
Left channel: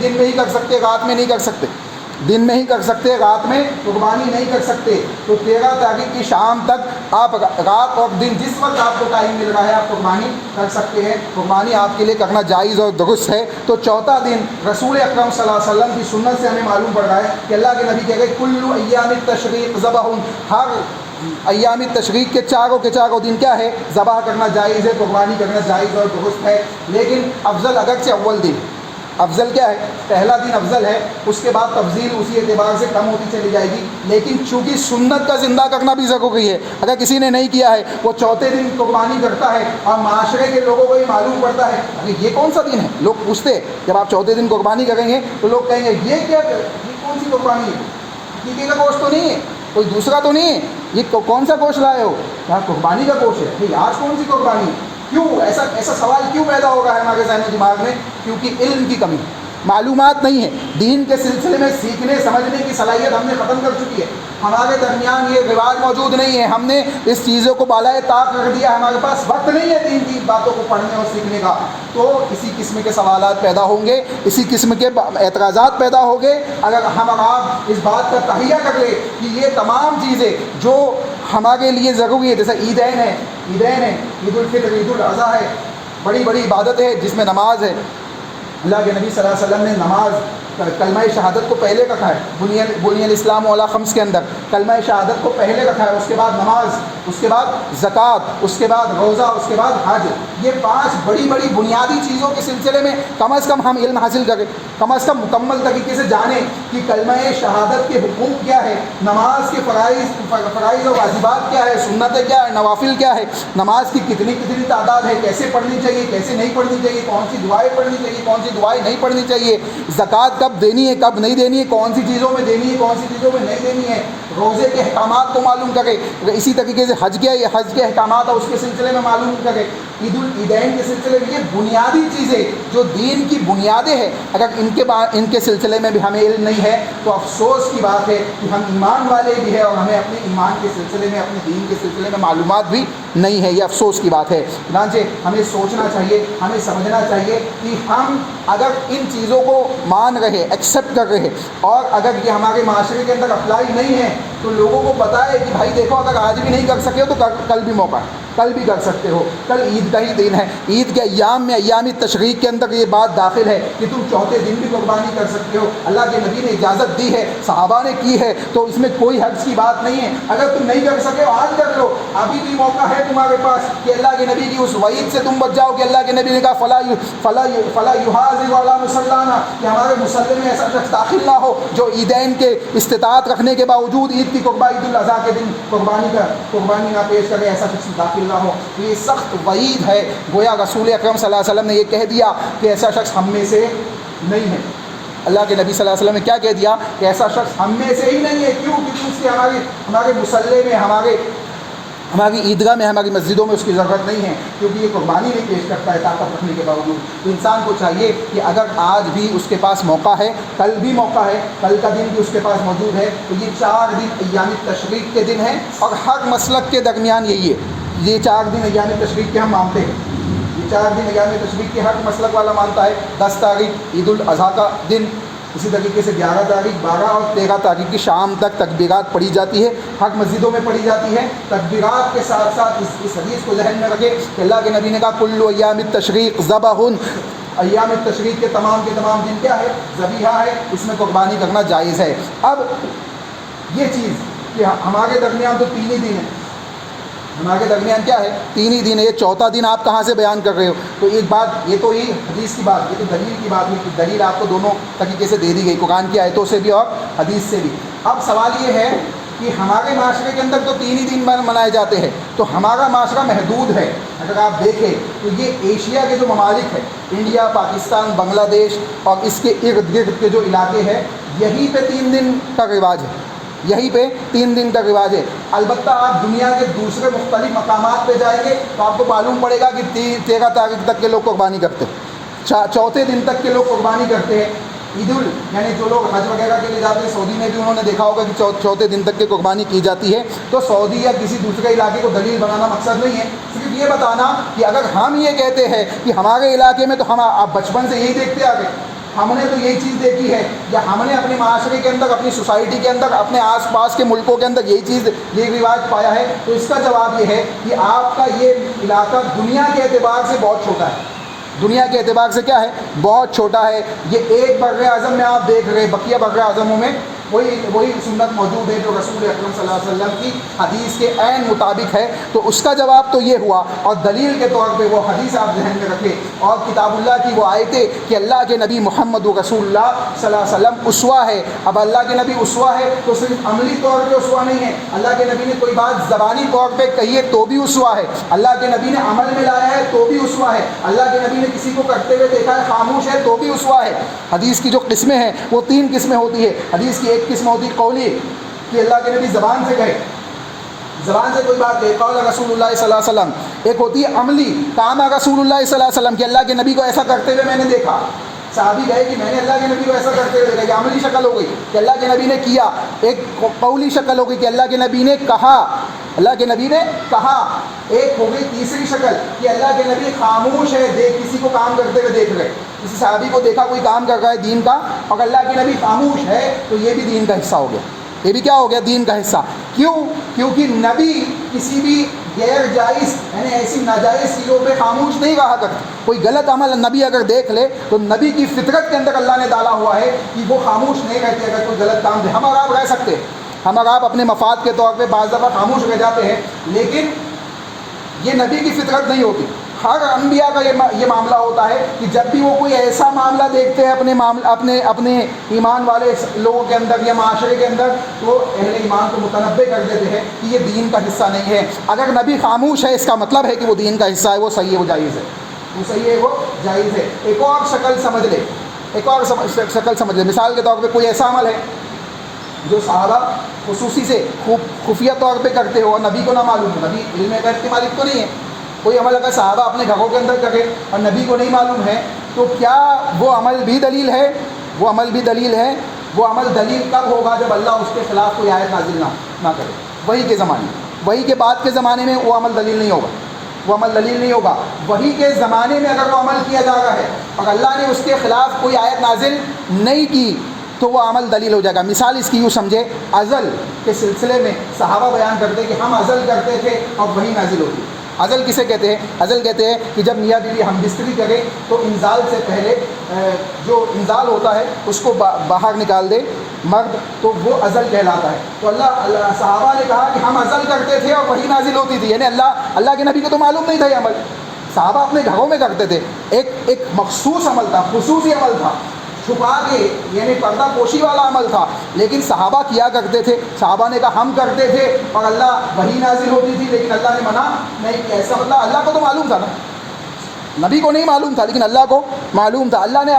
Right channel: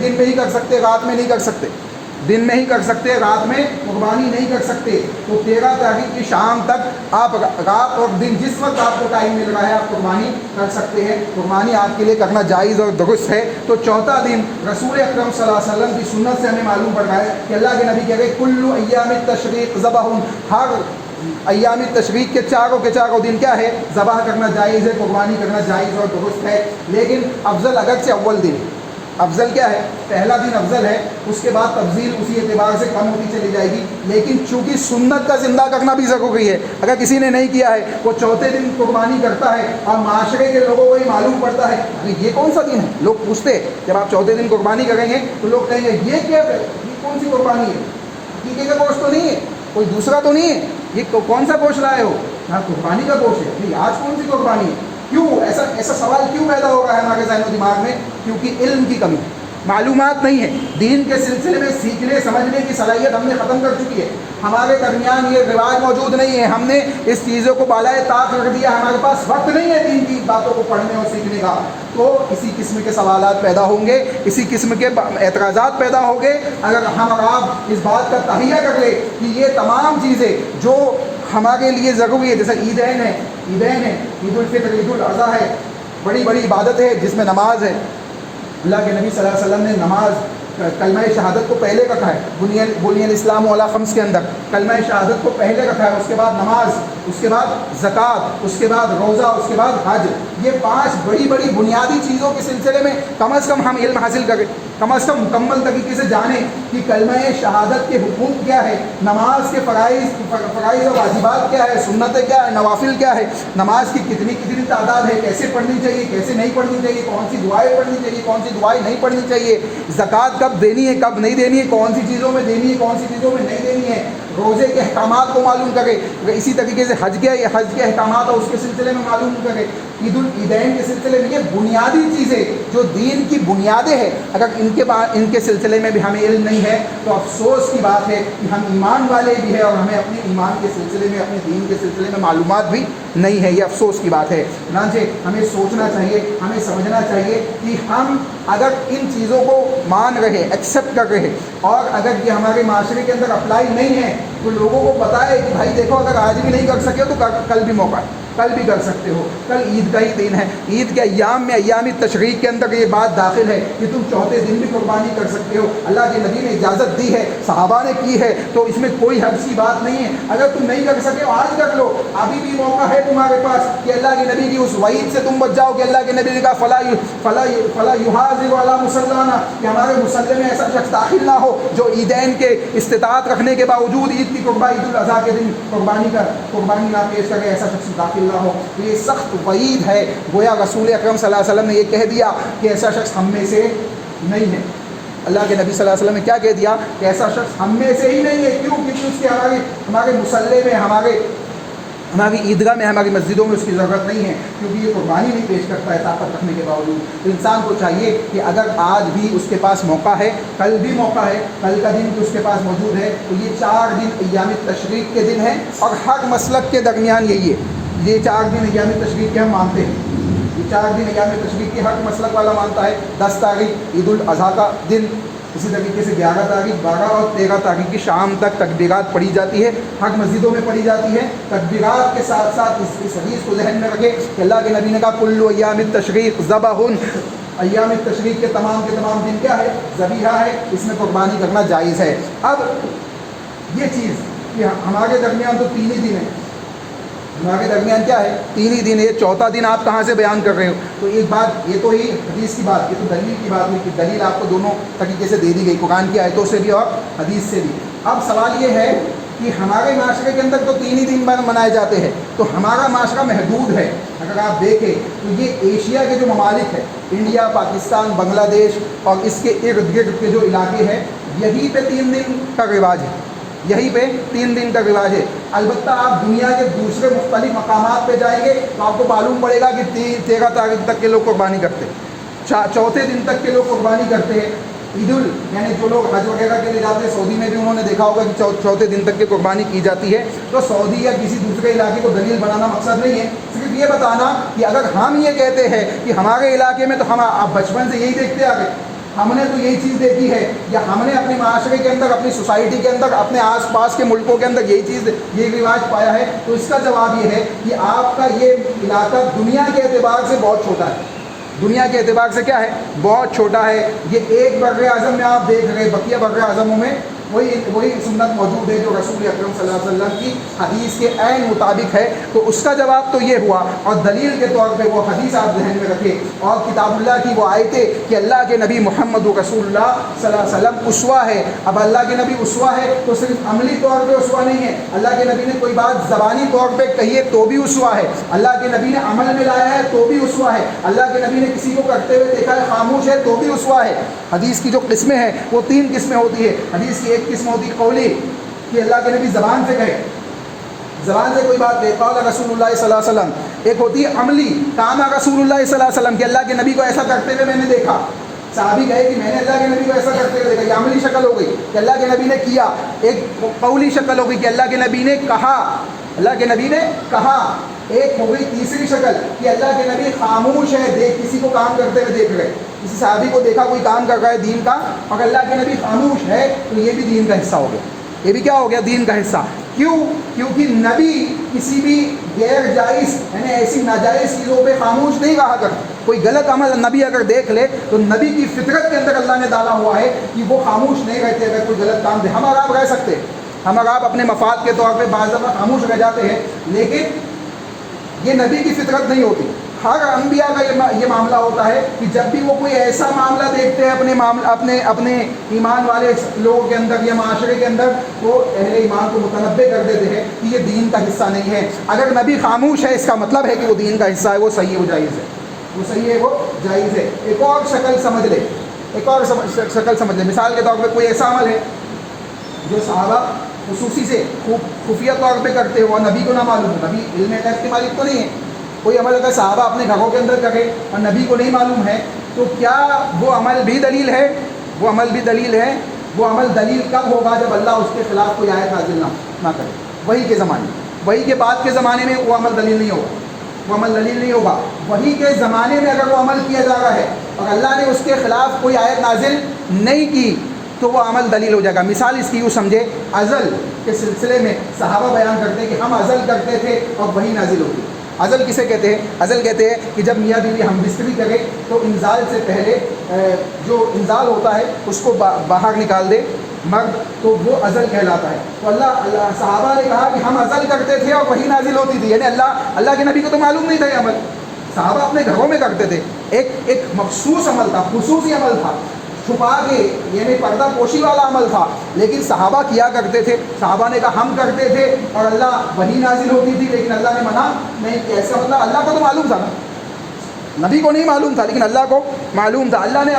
دن میں ہی کر سکتے، رات میں نہیں کر سکتے، دن میں ہی کر سکتے، رات میں قربانی نہیں کر سکتے۔ تو 13 تاریخ کی شام تک آپ رات اور دن جس وقت آپ کو ٹائم مل رہا ہے آپ قربانی کر سکتے ہیں، قربانی آپ کے لیے کرنا جائز اور درست ہے۔ تو چوتھا دن رسول اکرم صلی اللہ علیہ وسلم کی سنت سے ہمیں معلوم پڑ رہا ہے کہ اللہ کے نبی کہہ رہے کل ایام التشریق ذبح، ہر ایام تشریق کے چاروں دن کیا ہے؟ ذبح کرنا جائز ہے، قربانی کرنا جائز اور درست ہے۔ لیکن افضل اگرچہ اول دن افضل کیا ہے؟ پہلا دن افضل ہے، اس کے بعد تفضیل اسی اعتبار سے کم ہوتی چلی جائے گی، لیکن چونکہ سنت کا زندہ کرنا بھی ضروری ہے۔ اگر کسی نے نہیں کیا ہے، وہ چوتھے دن قربانی کرتا ہے اور معاشرے کے لوگوں کو یہ معلوم پڑتا ہے ارے یہ کون سا دن ہے، لوگ پوچھتے ہیں جب آپ چوتھے دن قربانی کریں گے تو لوگ کہیں گے یہ کیا، یہ کون سی قربانی ہے، حقیقی کا گوشت تو نہیں ہے، کوئی دوسرا تو نہیں ہے، یہ کون سا گوشت لائے ہو؟ ہاں قربانی کا گوشت ہے۔ نہیں آج کون سی قربانی ہے؟ کیوں ایسا سوال کیوں پیدا ہو رہا ہے ہمارے ذہن و دماغ میں؟ کیونکہ علم کی کمی، معلومات نہیں ہے، دین کے سلسلے میں سیکھنے سمجھنے کی صلاحیت ہم نے ختم کر چکی ہے، ہمارے درمیان یہ رواج موجود نہیں ہے، ہم نے اس چیزوں کو بالائے طاق رکھ دیا، ہمارے پاس وقت نہیں ہے دین کی باتوں کو پڑھنے اور سیکھنے کا۔ تو اسی قسم کے سوالات پیدا ہوں گے، اسی قسم کے اعتراضات پیدا ہوں گے اگر ہم اور آپ اس بات کا تہیہ کر لیں کہ یہ تمام چیزیں جو ہمارے لیے ضروری ہے، جیسے عیدین ہے، عید الفطر، عید الاضحیٰ ہے، بڑی بڑی عبادت ہے جس میں نماز ہے۔ اللہ کے نبی صلی اللہ علیہ وسلم نے نماز کلمہ شہادت کو پہلے رکھا ہے، بنی الاسلام علی خمس کے اندر کلمہ شہادت کو پہلے رکھا ہے، اس کے بعد نماز، اس کے بعد زکوٰۃ، اس کے بعد روزہ، اس کے بعد حج۔ یہ 5 بڑی بڑی بنیادی چیزوں کے سلسلے میں کم از کم ہم علم حاصل کریں، کم از کم مکمل طریقے سے جانیں کہ کلمہ شہادت کے حقوق کیا ہے، نماز کے فرائض و واجبات کیا ہے، سنتیں کیا ہے، نوافل کیا ہے، نماز کی کتنی تعداد ہے، کیسے پڑھنی چاہیے، کیسے نہیں پڑھنی چاہیے، کون سی دعائیں پڑھنی چاہیے، کون سی دعائیں نہیں پڑھنی چاہیے، زکوٰۃ کب دینی ہے، کب نہیں دینی ہے، کون سی چیزوں میں دینی ہے، کون سی چیزوں میں نہیں دینی ہے، روزے کے احکامات کو معلوم کرے، اسی طریقے سے حج کے احکامات اور اس کے سلسلے میں معلوم کرے، عید العیدین کے سلسلے میں۔ یہ بنیادی چیزیں جو دین کی بنیادیں ہیں، اگر ان کے سلسلے میں بھی ہمیں علم نہیں ہے تو افسوس کی بات ہے کہ ہم ایمان والے بھی ہیں اور ہمیں اپنے ایمان کے سلسلے میں، اپنے دین کے سلسلے میں معلومات بھی نہیں ہے، یہ افسوس کی بات ہے۔ چنانچہ ہمیں سوچنا چاہیے، ہمیں سمجھنا چاہیے کہ ہم اگر ان چیزوں کو مان رہے، ایکسیپٹ کر رہے اور اگر یہ ہمارے معاشرے کے اندر اپلائی نہیں ہے تو لوگوں کو بتائے کہ بھائی دیکھو اگر آج بھی نہیں کر سکے تو کل بھی موقع ہے، کل بھی کر سکتے ہو، کل عید کا ہی دن ہے، عید کے ایام میں ایام تشریق کے اندر یہ بات داخل ہے کہ تم چوتھے دن بھی قربانی کر سکتے ہو، اللہ کے نبی نے اجازت دی ہے، صحابہ نے کی ہے، تو اس میں کوئی حرج کی بات نہیں ہے۔ اگر تم نہیں کر سکے آج کر لو، ابھی بھی موقع ہے تمہارے پاس کہ اللہ کے نبی کی اس وعید سے تم بچ جاؤ کہ اللہ کے نبی نے کہا فلا یحاذر علی مصلانا، کہ ہمارے مصلی میں ایسا شخص داخل نہ ہو جو عیدین کے استطاعت رکھنے کے باوجود عید کی قربانی، عید الاضحیٰ کے دن قربانی نہ پیش کرے، ایسا شخص داخل نہ ہو۔ یہ سخت وعید ہے، گویا رسول اکرم صلی اللہ علیہ وسلم نے یہ کہہ دیا کہ ایسا شخص ہم میں سے نہیں ہے۔ اللہ کے نبی صلی اللہ علیہ وسلم نے کیا کہہ دیا کہ ایسا شخص ہم میں سے ہی نہیں ہے۔ کیوں؟ کیونکہ اس کے ہمارے مصلی میں، ہماری عیدگاہ میں، ہماری مسجدوں میں اس کی ضرورت نہیں ہے، کیونکہ یہ قربانی نہیں پیش کرتا ہے طاقت رکھنے کے باوجود۔ تو انسان کو چاہیے کہ اگر آج بھی اس کے پاس موقع ہے، کل بھی موقع ہے، کل کا دن بھی اس کے پاس موجود ہے، تو یہ 4 دن ایام تشریق کے دن ہیں اور ہر مسلک کے درمیان یہی ہے، یہ 4 دن ایام تشریق کے ہم مانتے ہیں، یہ 4 دن ایام تشریق کے ہر مسلک والا مانتا ہے۔ 10 تاریخ عید الاضحیٰ کا دن، اسی طریقے سے 11 تاریخ، 12 اور 13 تاریخ کی شام تک تکبیرات پڑھی جاتی ہے، حق مسجدوں میں پڑھی جاتی ہے۔ تکبیرات کے ساتھ ساتھ اس حدیث کو ذہن میں رکھے کہ اللہ کے نبی نے کہا کل ایام التشریق ذبح، ایام تشریق کے تمام دن کیا ہے؟ ذبیحہ ہے، اس میں قربانی کرنا جائز ہے۔ اب یہ چیز کہ ہمارے درمیان تو 3 ہی دن ہیں، ہمارے درمیان کیا ہے؟ 3 ہی دن ہے، یہ چوتھا دن آپ کہاں سے بیان کر رہے ہو؟ تو ایک بات یہ تو ہی حدیث کی بات، یہ تو دلیل کی بات ہوئی کہ دلیل آپ کو دونوں طریقے سے دے دی گئی، قرآن کی آیتوں سے بھی اور حدیث سے بھی۔ اب سوال یہ ہے کہ ہمارے معاشرے کے اندر تو 3 ہی دن منائے جاتے ہیں، تو ہمارا معاشرہ محدود ہے۔ اگر آپ دیکھیں تو یہ ایشیا کے جو ممالک ہیں، انڈیا، پاکستان، بنگلہ دیش اور اس کے ارد گرد کے جو علاقے ہیں، یہیں پہ 3 دن کا رواج ہے، یہیں پہ 3 دن کا رواج ہے۔ البتہ آپ دنیا کے دوسرے مختلف مقامات پہ جائیں گے تو آپ کو معلوم پڑے گا کہ 13 تاریخ تک کے لوگ قربانی کرتے ہیں، چوتھے دن تک کے لوگ قربانی کرتے ہیں۔ یعنی جو لوگ حج وغیرہ کے لیے جاتے ہیں، سعودی میں بھی انہوں نے دیکھا ہوگا کہ چوتھے دن تک کی قربانی کی جاتی ہے۔ تو سعودی یا کسی دوسرے علاقے کو دلیل بنانا مقصد نہیں ہے، صرف یہ بتانا کہ اگر ہم یہ کہتے ہیں کہ ہمارے علاقے میں، تو ہم آپ بچپن سے یہی دیکھتے آ گئے، ہم نے تو یہی چیز دیکھی ہے، یا ہم نے اپنے معاشرے کے اندر، اپنی سوسائٹی کے اندر، اپنے آس پاس کے ملکوں کے اندر یہی چیز، یہ رواج پایا ہے۔ تو اس کا جواب یہ ہے کہ آپ کا یہ علاقہ دنیا کے اعتبار سے بہت چھوٹا ہے، دنیا کے اعتبار سے کیا ہے؟ بہت چھوٹا ہے۔ یہ ایک بر اعظم میں آپ دیکھ رہے، بقیہ بر اعظموں میں وہی سنت موجود ہے جو رسول اکرم صلی اللہ علیہ وسلم کی حدیث کے عین مطابق ہے۔ تو اس کا جواب تو یہ ہوا، اور دلیل کے طور پہ وہ حدیث آپ ذہن میں رکھیں، اور کتاب اللہ کی وہ آیتیں کہ اللہ کے نبی محمد رسول اللہ صلی اللہ علیہ وسلم اسوہ ہے۔ اب اللہ کے نبی اسوہ ہے تو صرف عملی طور پہ اسوہ نہیں ہے، اللہ کے نبی نے کوئی بات زبانی طور پہ کہی ہے تو بھی اسوہ ہے، اللہ کے نبی نے عمل میں لایا ہے تو بھی اسوہ ہے، اللہ کے نبی نے کسی کو کرتے ہوئے دیکھا ہے خاموش ہے تو بھی اسوہ ہے۔ حدیث کی جو قسمیں ہیں وہ 3 قسمیں ہوتی ہے۔ حدیث کی ایک قسم ہوتی ہے قولی، کہ اللہ کے نبی زبان سے کہے، زبان سے کوئی بات کہے، قول رسول اللہ صلی اللہ علیہ وسلم۔ ایک ہوتی ہے عملی، کام رسول اللہ صلی اللہ علیہ وسلم، کہ اللہ کے نبی کو ایسا کرتے ہوئے میں نے دیکھا، صحابی کہے کہ میں نے اللہ کے نبی کو ایسا کرتے ہوئے دیکھا، یہ عملی شکل ہو گئی کہ اللہ کے نبی نے کیا۔ ایک قولی شکل ہو گئی کہ اللہ کے نبی نے کہا، اللہ کے نبی نے کہا۔ ایک ہو گئی تیسری شکل کہ اللہ کے نبی خاموش ہے، دیکھ کسی کو کام کرتے ہوئے دیکھ رہے، کسی صحابی کو دیکھا کوئی کام کر رہا ہے دین کا، اور اللہ کے نبی خاموش ہے، تو یہ بھی دین کا حصہ ہو گیا، یہ بھی کیا ہو گیا؟ دین کا حصہ۔ کیوں؟ کیونکہ نبی کسی بھی غیر جائز، یعنی ایسی ناجائز چیزوں پہ خاموش نہیں رہا کرتا۔ کوئی غلط عمل نبی اگر دیکھ لے تو نبی کی فطرت کے اندر اللہ نے ڈالا ہوا ہے کہ وہ خاموش نہیں رہتے اگر کوئی غلط کام دے۔ ہم اور آپ رہ سکتے ہیں، ہم اور آپ اپنے مفاد کے طور پہ بعض دفعہ خاموش رہ جاتے ہیں، لیکن یہ نبی کی فطرت نہیں ہوتی۔ ہر انبیاء کا یہ معاملہ ہوتا ہے کہ جب بھی وہ کوئی ایسا معاملہ دیکھتے ہیں اپنے ایمان والے لوگوں کے اندر یا معاشرے کے اندر، وہ اہل ایمان کو متنبع کر دیتے ہیں کہ یہ دین کا حصہ نہیں ہے۔ اگر نبی خاموش ہے اس کا مطلب ہے کہ وہ دین کا حصہ ہے، وہ صحیح ہے، وہ جائز ہے، وہ صحیح ہے، وہ جائز ہے۔ ایک اور شکل سمجھ لے، ایک اور شکل سمجھ لے، مثال کے طور پہ کوئی ایسا عمل ہے جو صحابہ خصوصی سے خفیہ طور پہ کرتے ہو اور نبی کو نہ معلوم ہو، نبی علم غیب کے مالک تو نہیں ہے، کوئی عمل اگر صحابہ اپنے گھروں کے اندر کرے اور نبی کو نہیں معلوم ہے، تو کیا وہ عمل بھی دلیل ہے؟ وہ عمل بھی دلیل ہے۔ وہ عمل دلیل کب ہوگا؟ جب اللہ اس کے خلاف کوئی آیت نازل نہ کرے، وہی کے زمانے، وہی کے بعد کے زمانے میں وہ عمل دلیل نہیں ہوگا، وہ عمل دلیل نہیں ہوگا۔ وہی کے زمانے میں اگر وہ عمل کیا جا رہا ہے اور اللہ نے اس کے خلاف کوئی آیت نازل نہیں کی تو وہ عمل دلیل ہو جائے گا۔ مثال اس کی یوں سمجھے، ازل کے سلسلے میں صحابہ بیان کرتے ہیں کہ ہم ازل کرتے تھے اور وہی نازل ہوتی۔ ازل کسے کہتے ہیں؟ ازل کہتے ہیں کہ جب میاں بیوی ہم بستری کرے تو انزال سے پہلے جو انزال ہوتا ہے اس کو باہر نکال دے مرد، تو وہ ازل کہلاتا ہے۔ تو اللہ صحابہ نے کہا کہ ہم ازل کرتے تھے اور وہی نازل ہوتی تھی، یعنی اللہ کے نبی کو تو معلوم نہیں تھا یہ عمل، صحابہ اپنے گھروں میں کرتے تھے، ایک مخصوص عمل تھا، خصوصی عمل تھا، چھپا کے، یعنی پردہ پوشی والا عمل تھا، لیکن صحابہ کیا کرتے تھے۔ صحابہ نے کہا ہم کرتے تھے اور اللہ وہی نازل ہوتی تھی، لیکن اللہ نے منع نہیں کیا۔ ایسا مطلب اللہ کو تو معلوم تھا نا، نبی کو نہیں معلوم تھا لیکن اللہ کو معلوم تھا، اللہ نے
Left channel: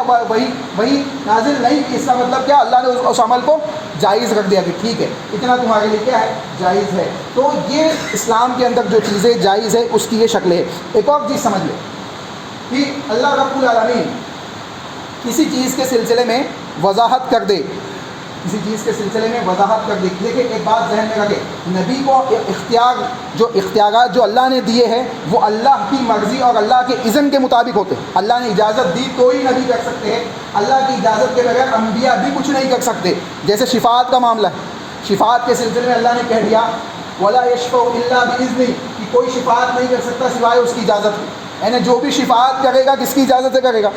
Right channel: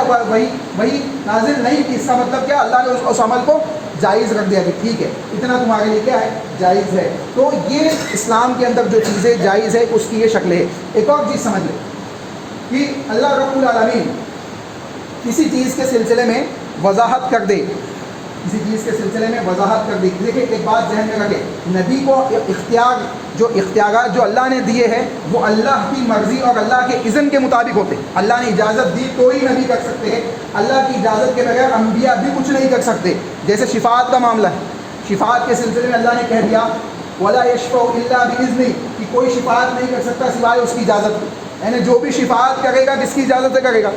وہی نازل نہیں کی۔ اس کا مطلب کیا؟ اللہ نے اس عمل کو جائز رکھ دیا کہ ٹھیک ہے، اتنا تمہارے لیے کیا ہے؟ جائز ہے۔ تو یہ اسلام کے اندر جو چیزیں جائز ہے اس کی یہ شکل ہے۔ ایک اور چیز سمجھ لیں کہ اللہ رب العالمین کسی چیز کے سلسلے میں وضاحت کر دے، کسی چیز کے سلسلے میں وضاحت کر دے۔ دیکھیں ایک بات ذہن میں رکھیں، نبی کو اختیارات جو اللہ نے دیے ہیں وہ اللہ کی مرضی اور اللہ کے اذن کے مطابق ہوتے ہیں۔ اللہ نے اجازت دی تو ہی نبی کر سکتے ہیں، اللہ کی اجازت کے بغیر انبیاء بھی کچھ نہیں کر سکتے۔ جیسے شفاعت کا معاملہ ہے، شفاعت کے سلسلے میں اللہ نے کہہ دیا وَلَا يَشْفَعُ إِلَّا بِإِذْنِهِ، کہ کوئی شفاعت نہیں کر سکتا سوائے اس کی اجازت کے، یعنی جو بھی شفاعت کرے گا کس کی اجازت سے کرے گا؟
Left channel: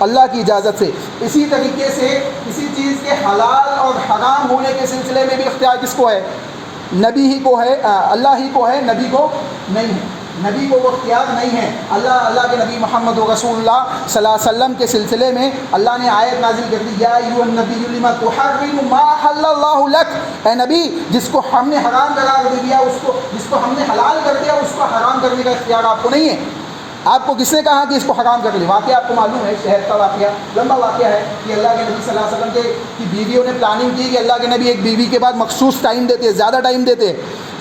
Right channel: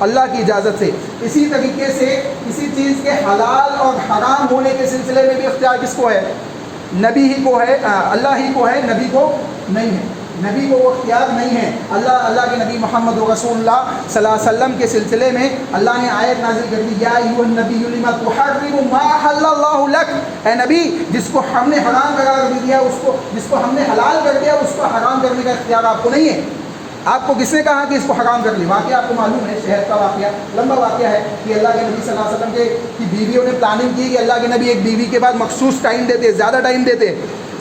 اللہ کی اجازت سے۔ اسی طریقے سے کسی چیز کے حلال اور حرام ہونے کے سلسلے میں بھی اختیار کس کو ہے؟ نبی ہی کو ہے، اللہ ہی کو ہے، نبی کو نہیں ہے، نبی کو وہ اختیار نہیں ہے۔ اللہ کے نبی محمد رسول اللہ صلی اللہ علیہ وسلم کے سلسلے میں اللہ نے آیت نازل کر دی، یا ایھا النبی لما تحرم ما احل اللہ لک، اے نبی جس کو ہم نے حرام قرار دے دیا، جس کو ہم نے حلال کر دیا، اس کو حرام کرنے کا اختیار آپ کو نہیں ہے۔ آپ کو کس نے کہا کہ اس کو حرام کر لی؟ واقعہ آپ کو معلوم ہے، شہد کا واقعہ لمبا واقعہ ہے کہ اللہ کے نبی صلی اللہ علیہ وسلم کی بیویوں نے پلاننگ کی کہ اللہ کے نبی ایک بیوی کے بعد مخصوص ٹائم دیتے، زیادہ ٹائم دیتے،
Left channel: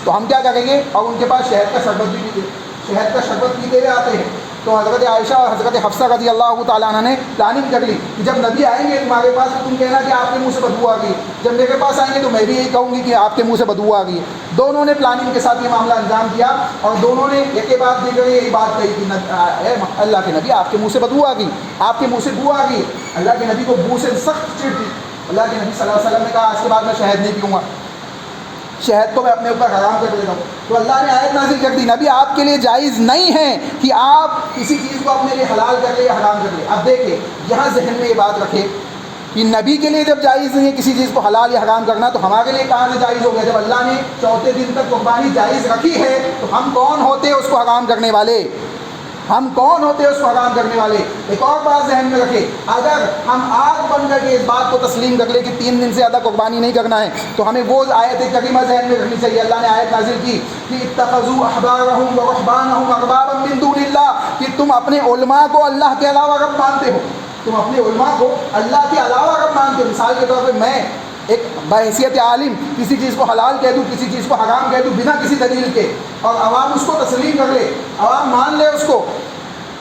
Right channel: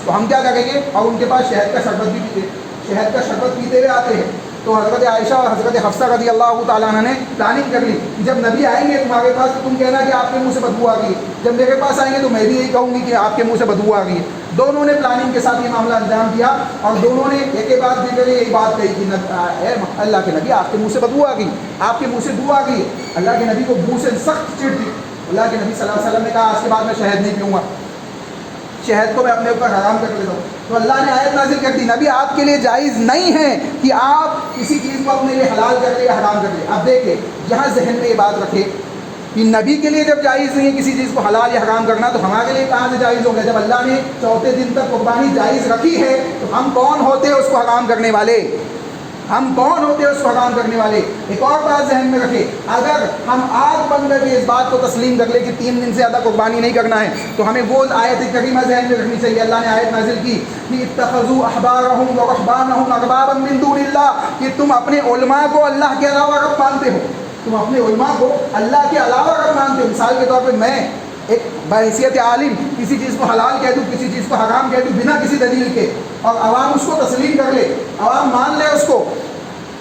تو ہم کیا کریں گے، اور ان کے پاس شہد کا شربت بھی پیتے، شہد کا شربت پیتے ہوئے آتے ہیں۔ تو حضرت عائشہ اور حضرت حفصہ رضی اللہ تعالیٰ عنہ نے پلاننگ کر لی کہ جب نبی آئیں گے تمہارے پاس تو تم کہنا کہ آپ کے منہ سے بدبو آ گئی، جب میرے پاس آئیں گے تو میں بھی یہی کہوں گی کہ آپ کے منہ سے بدبو آ گئی ہے۔ دونوں نے پلاننگ کے ساتھ یہ معاملہ انجام دیا، اور دونوں نے ایک کے بعد دیگر یہی بات کہی کہ اے اللہ کے نبی آپ کے منہ سے بدبو آ گئی، آپ کے منہ سے بو آ گئی۔ اللہ کے نبی کو بو سے سخت چڑ تھی۔ اللہ کے نبی صلی اللہ علیہ وسلم نے کہا آج کے بعد میں شہد نہیں پیوں گا، شہد کو میں اپنے اوپر حرام کر لیتا ہوں۔ تو اللہ نے آیت نازل کر دی، نبی آپ کے لیے جائز نہیں ہے کہ آپ کسی چیز کو اپنے لیے حلال کر لیں یا حرام کر لیں۔ اب دیکھیں یہاں ذہن میں یہ بات رکھے کہ نبی کے لیے جب جائز نہیں ہے کسی چیز کو حلال یا حرام کرنا، تو ہمارے لیے کہاں سے جائز ہو گیا؟ جب اللہ نے چوتھے دن تک قربانی جائز رکھی ہے تو ہم کون ہوتے ہیں اس کو حرام کرنے والے؟ ہم کون ہوتے ہیں اس کو حرام کرنے والے؟ ایک اور بات ذہن میں رکھے، اگر ہم آگ بن کر کے اس بات کو تسلیم کر لیں کہ 3 دن سے زیادہ قربانی نہیں کرنا ہے، تو ہمیں وہ آیت کریمہ ذہن میں رکھنی چاہیے۔ اللہ نے آیت نازل کی کہ اتخذوا احبارهم ورهبانهم اربابا من دون اللہ، کہ تم اپنے علماء کو اللہ کے علاوہ رب مانتے ہو، تم اپنے علماء کو اللہ کے علاوہ رب مانتے ہو۔ مثال کے طور پہ میں ایک بحیثیت عالم کسی چیز کو حلال کہہ دوں، کسی چیز کو حرام کہہ دوں بنا کسی دلیل کے، اور عوام اس کو تسلیم کر لے، عوام مان لے اس کو۔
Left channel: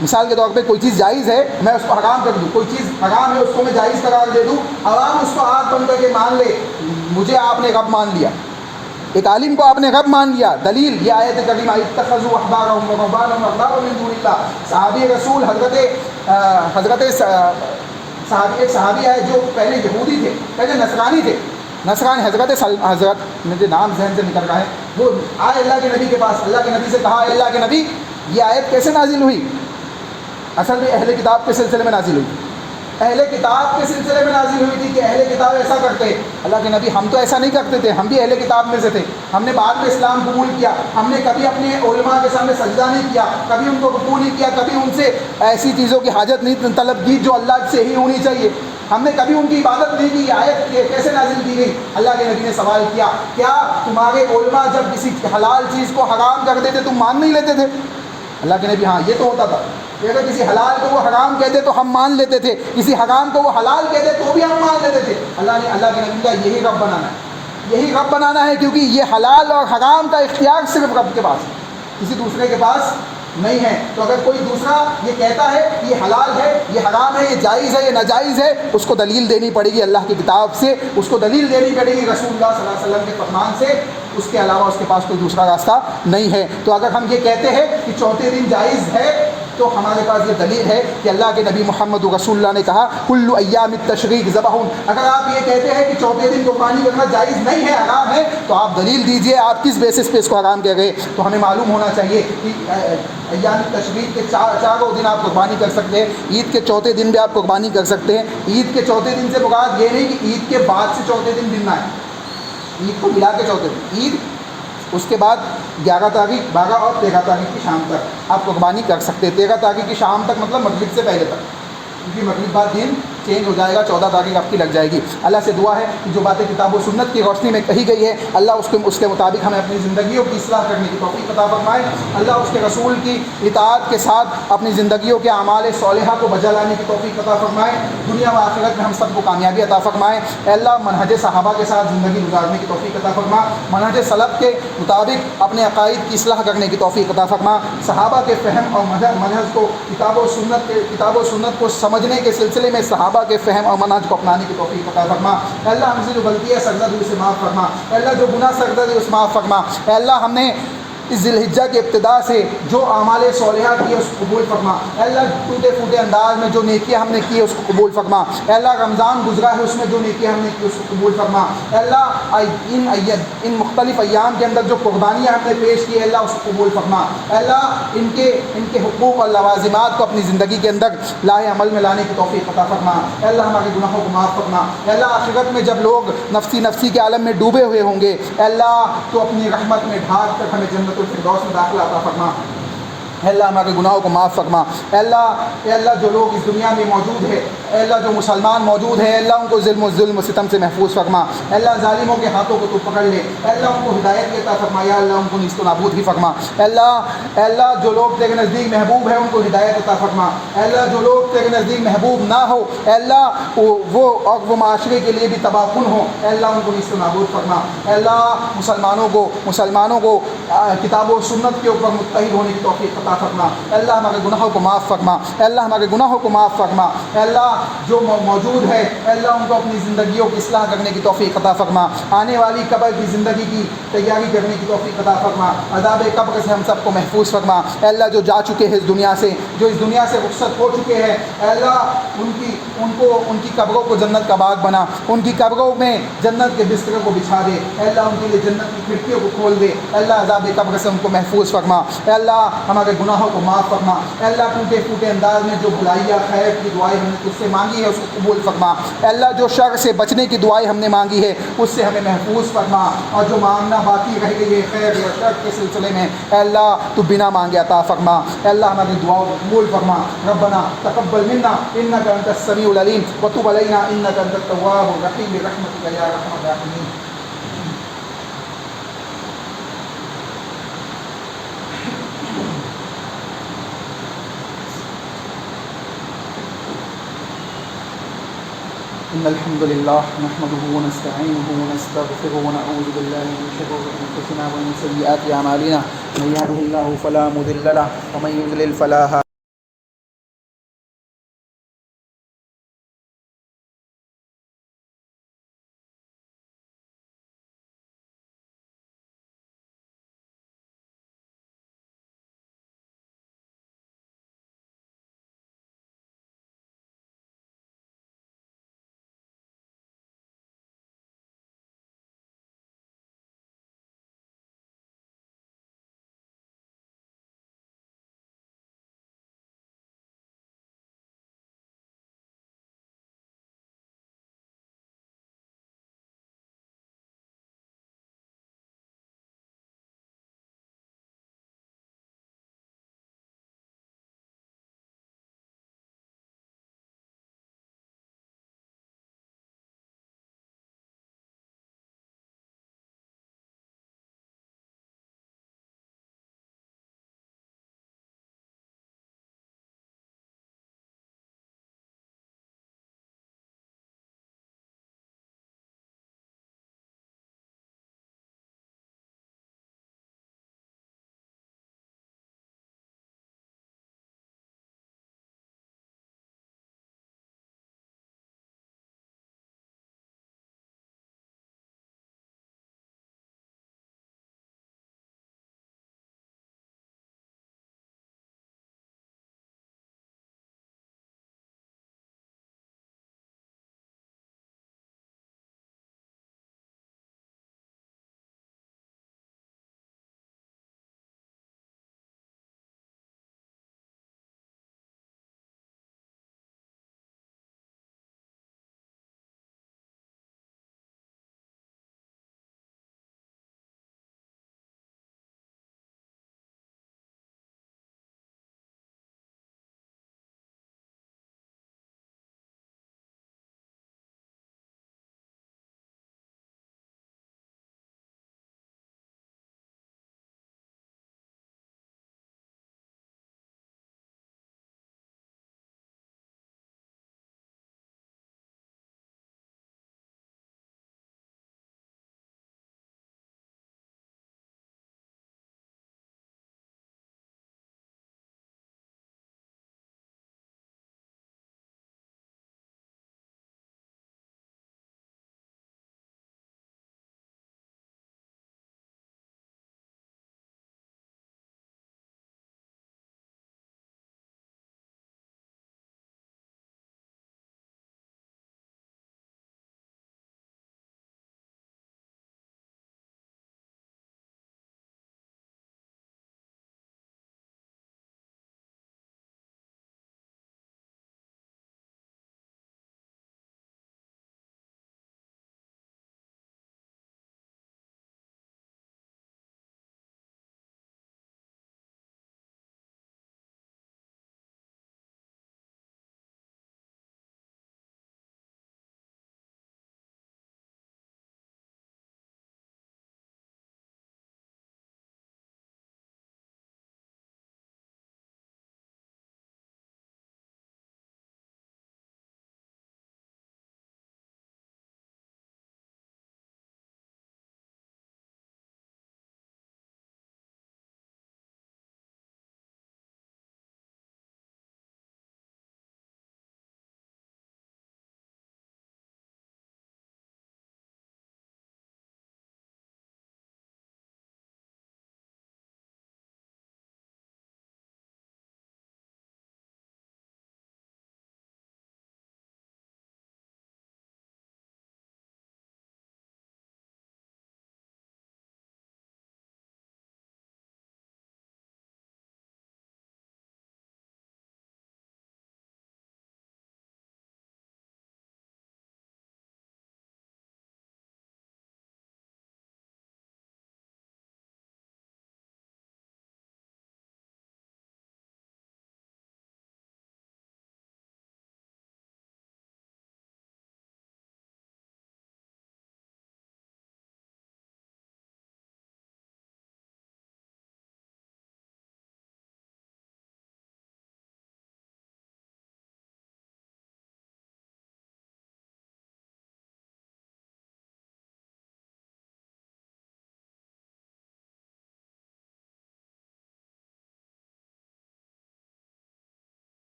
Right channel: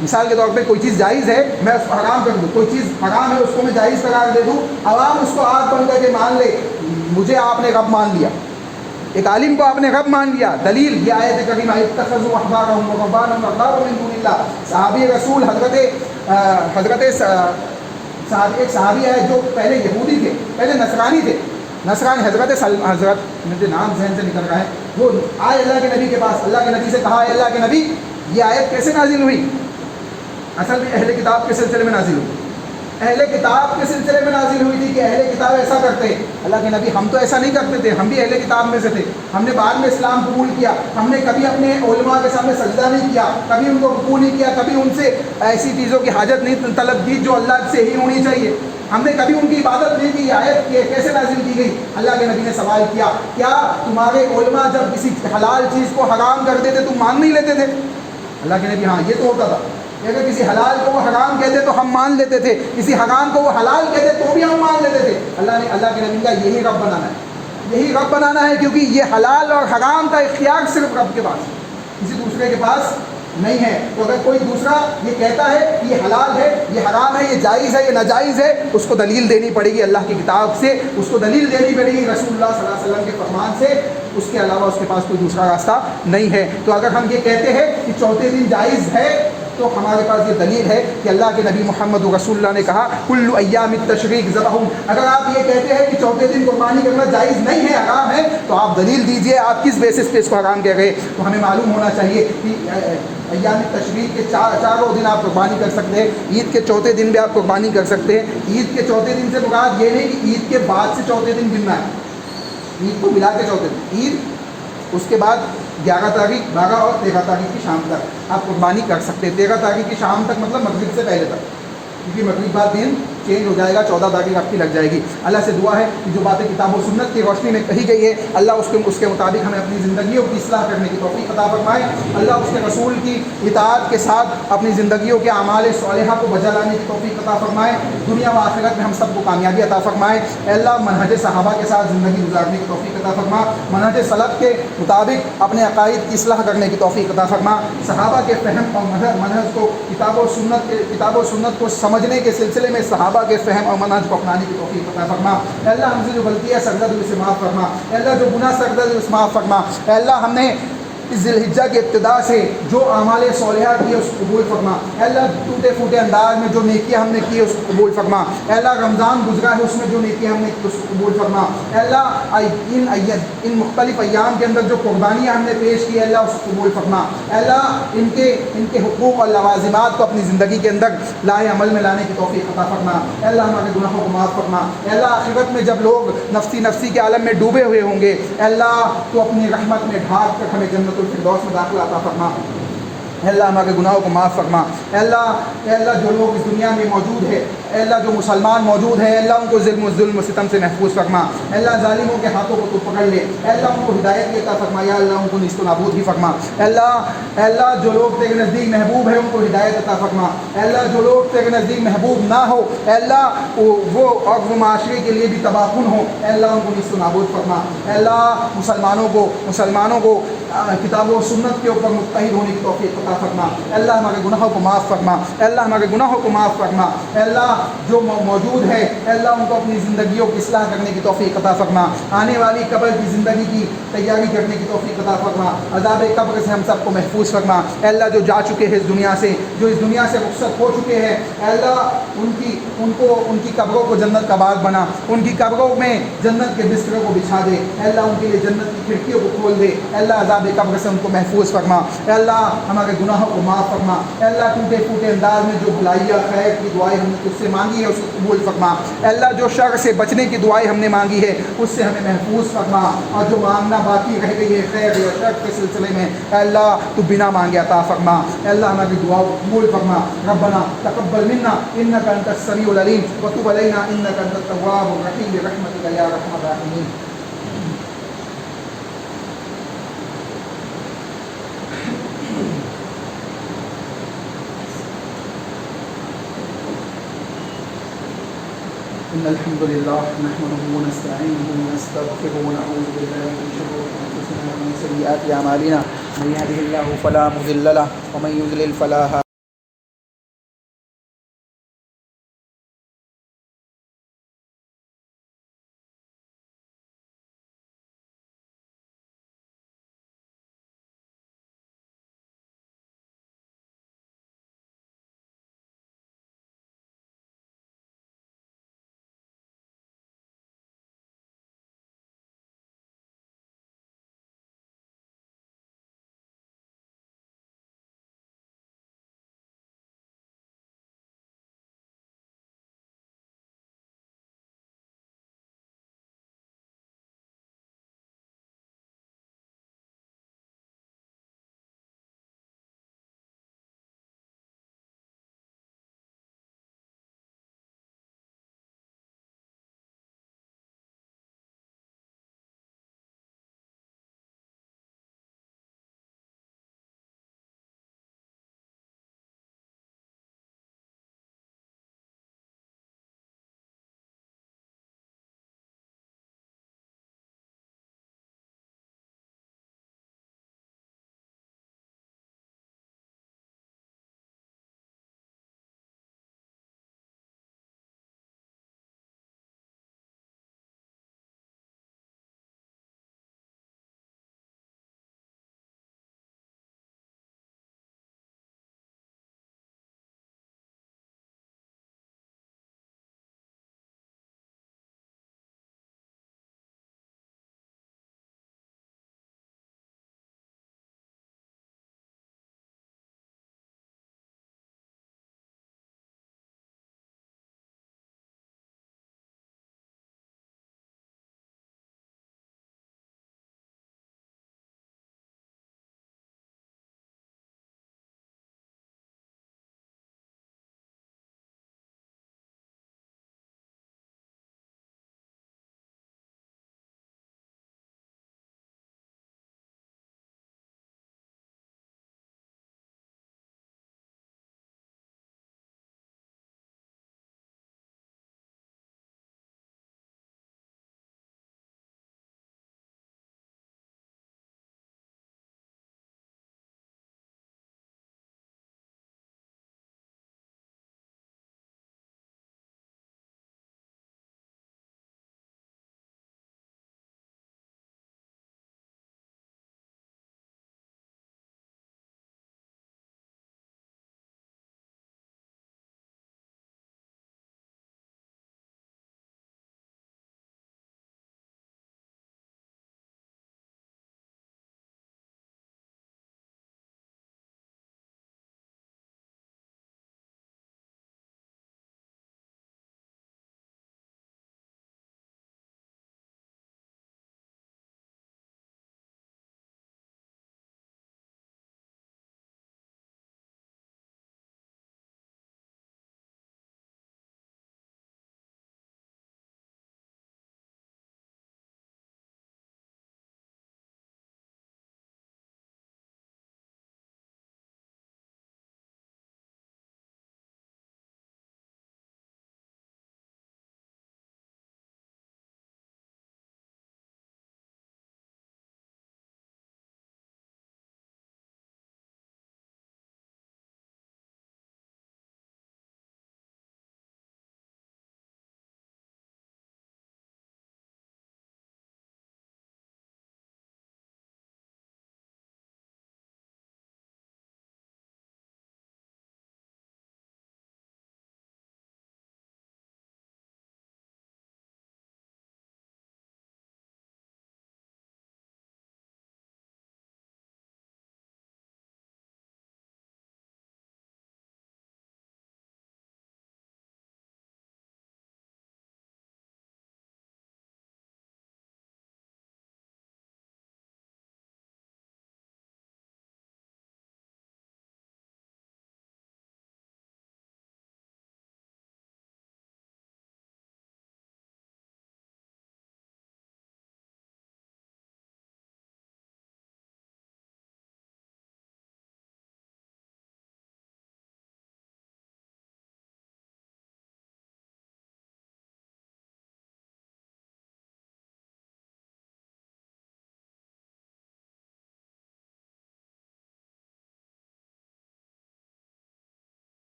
مثال کے طور پہ کوئی چیز جائز ہے میں اس کو حرام کر دوں، کوئی چیز حرام ہے اس کو میں جائز قرار دے دوں، عوام اس کو آگ بن کر کے مان لے، مجھے آپ نے رب مان لیا، ایک عالم کو آپ نے رب مان لیا۔ دلیل یہ آیت کریمہ اتخذوا احبارهم ورهبانهم اربابا من دون اللہ۔ صحابی رسول ایک صحابی ہے جو پہلے یہودی تھے، پہلے نصرانی تھے، نصرانی حضرت مجھے نام ذہن سے نکل رہا ہے، وہ آئے اللہ کے نبی کے پاس، اللہ کے نبی سے کہا اے اللہ کے نبی یہ آیت کیسے نازل ہوئی؟ اصل میں اہل کتاب کے سلسلے میں نازل ہوئی، اہل کتاب کے سلسلے میں نازل ہوئی تھی کہ اہل کتاب ایسا کرتے ہیں۔ اللہ کے نبی ہم تو ایسا نہیں کرتے تھے، ہم بھی اہل کتاب میں سے تھے، ہم نے بعد میں اسلام قبول کیا، ہم نے کبھی اپنے علماء کے سامنے سجدہ نہیں کیا، کبھی ان کو رکوع نہیں کیا، کبھی ان سے ایسی چیزوں کی حاجت نہیں طلب کی جو اللہ سے ہی ہونی چاہیے، ہم نے کبھی ان کی عبادت نہیں کی۔ یہ آیت کیسے نازل کی گئی؟ اللہ کے نبی نے سوال کیا کیا تمہارے علماء جب کسی حلال چیز کو حرام کر دیتے تم مان نہیں لیتے تھے؟ اللہ کے نبی ہاں یہ تو ہوتا تھا کہ اگر کسی حلال کو وہ حرام کہتے تو ہم مان لیتے تھے، کسی حرام کو وہ حلال کہتے تو بھی ہم مان لیتے تھے۔ اللہ کے نبی کا یہی رب بنانا ہے، یہی رب بنانا ہے، کیونکہ یہ حلال اور حرام کا اختیار صرف رب کے پاس ہے، کسی دوسرے کے پاس نہیں ہے۔ تو اگر کوئی دوسرا یہ کہتا ہے کہ یہ حلال ہے، یہ حرام ہے، یہ جائز ہے، یہ ناجائز ہے، اس کو دلیل دینی پڑے گی اللہ کی کتاب سے، اس کو دلیل دینی پڑے گی رسول اللہ صلی اللہ علیہ وسلم کے فرمان سے، اس کے علاوہ اس کے پاس کوئی دوسرا راستہ نہیں ہے۔ تو اگر ہم یہ کہتے ہیں کہ چوتھے دن جائز ہے تو ہمارے پاس یہ دلیل ہے کہ اللہ کے نبی محمد رسول اللہ نے کہا کل ایام التشریق ذبح۔ اگر آپ یہ کہتے ہیں کہ چوتھے دن قربانی کرنا جائز نہیں ہے، حرام ہے، تو آپ دلیل دیجئے، آپ کس بیسس پہ اس کو حرام کہہ گئے؟ تو ہمیں معلوم ہونا چاہیے کہ ایام تشریق کے چاروں دن آپ قربانی کر سکتے ہیں، عید کے چوتھے دن بھی آپ قربانی کر سکتے ہیں۔ عید کے چوتھے دن سے مراد یہ نہیں کہ عید کے بعد سے چوتھے دن گننا ہے، عید کو ملا کے چوتھے دن، عید اس کے بعد 11 تاریخ 12 اور 13 تاریخ کی شام تک آپ قربانی کر سکتے ہیں۔ 13 تاریخ کی شام تک مطلب مغرب سے پہلے تک، کیونکہ مغرب بعد دن چینج ہو جائے گا، 14 تاریخ آپ کی لگ جائے گی۔ اللہ سے دعا ہے کہ جو باتیں کتاب و سنت کی روشنی میں کہی گئی ہے اللہ اس کے مطابق ہمیں اپنی زندگیوں کی اصلاح کرنے کی توفیق عطا فرمائے۔ اللہ اس کے رسول کی اطاعت کے ساتھ اپنی زندگیوں کے اعمال صالحہ کو بجا لانے کی توفیق عطا فرمائے، دنیا و آخرت میں ہم سب کو کامیابی عطا فرمائے۔ اے اللہ منہج صحابہ کے ساتھ زندگی گزارنے کی توفیق عطا فرما، منہج سلف کے مطابق اپنے عقائد کی اصلاح کرنے کی توفیق عطا فرما، صحابہ کے فہم اور منہج کو کتاب و سنت کو سمجھنے کے سلسلے میں صحابہ کے فہم اور منہج کو اپنانے کی توفیق عطا فرما۔ اے اللہ ہم سے جو غلطی ہے سرزد ہوئی اسے معاف فرما، اے اللہ جو گناہ سرزد ہوئی اسے معاف فرما، اے اللہ ہم نے اس ذی الحجہ کی ابتدا سے جو اعمال صالحات کیے اس کو قبول فرما، اے اللہ ٹوٹے پھوٹے انداز میں جو نیکیاں ہم نے کی اس کو قبول فرما، اے اللہ رمضان گزرا ہے اس میں جو نیکیاں ہم نے کی اس کو قبول فرما، اے اللہ ان مختلف ایام کے اندر جو قربانیاں ہم نے پیش کی، اے اللہ اس کو قبول فرما، اے اللہ ان کے حقوق اور لوازمات کو اپنی زندگی کے اندر لائے عمل میں لانے کی توفیق عطا فرما، اے اللہ ہمارے گناہوں کو معاف فرما، اے اللہ آخرت میں جب لوگ نفسی کے عالم میں ڈوبے ہوئے ہوں گے، اے اللہ تو اپنی رحمت میں ڈھانپ کر ہمیں جنت الفردوس میں داخلہ عطا فرما، اے اللہ ہمارے گناہوں کو معاف فرما، اے اللہ جو لوگ اس دنیا میں موجود ہے، اے اللہ جو مسلمان موجود ہیں، اے اللہ ان کو ظلم و ستم سے محفوظ فرما، اے اللہ ظالموں کے ہاتھوں کو تو پکڑ لے، اے اللہ ان کو ہدایت کی عطا فرما، یا اللہ ان کو نیست و نابود ہی فرما، اے اللہ جو لوگ تیرے نزدیک محبوب ہیں ان کو ہدایت عطا فرما، اے اللہ جو لوگ تیرے نزدیک محبوب نہ ہو، اے اللہ وہ معاشرے کے لیے بھی تباہ کن ہو، اے اللہ ان کو نیست و نابود فرما، اے اللہ مسلمانوں کو کتاب و سنت کے اوپر متحد ہونے کی توفیق عطا فرما، اے اللہ ہمارے گناہوں کو معاف فرما، اے اللہ ہمارے گناہوں کو معاف فرما، اے اللہ جو موجود ہے اے اللہ ان کو اپنی زندگیوں کی اصلاح کرنے کی توفیق عطا فرما، آنے والی قبر کی زندگی کی تیاری کرنے کی توفیق عطا فرما، عذاب قبر سے ہم سب کو محفوظ فرما، اے اللہ جو جا چکے ہیں اس دنیا سے، جو اس دنیا سے رخصت ہو چکے ہیں، اے اللہ ان کی قبروں کو جنت کا باغ بنا، ان کی قبروں میں جنت کے بستروں کو بچھا دے، اے اللہ ان کے لیے جنت کی کھڑکیوں کو کھول دے، اے اللہ عذاب قبر سے ان کو محفوظ فرما، اے اللہ ہمارے گناہوں کو معاف فرما، اے اللہ ٹوٹے پھوٹے انداز میں جو بھلائیاں خیر کی دعائیں ہم نے تجھ سے مانگی ہے اس کو قبول فرما، اے اللہ جو شر سے بچنے کی دعائیں ہم نے مانگی ہے اس سے ہمیں محفوظ فرما، اور جو مانگنا باقی رہ گئی ہے خیر یا شر کے سلسلے میں اے اللہ تو بنا مانگے عطا فرما، اے اللہ ہماری دعاؤں کو قبول فرما، ربنا تقبل منا انک انت السمیع العلیم وتب علینا انک انت التواب الرحیم برحمتک یا ارحم الراحمین۔ إن الحمد لله نحمده ونستعينه ونستغفره ونعوذ بالله من شرور أنفسنا ومن سيئات أعمالنا من يهده الله فلا مضل له ومن يضلل فلا هادي له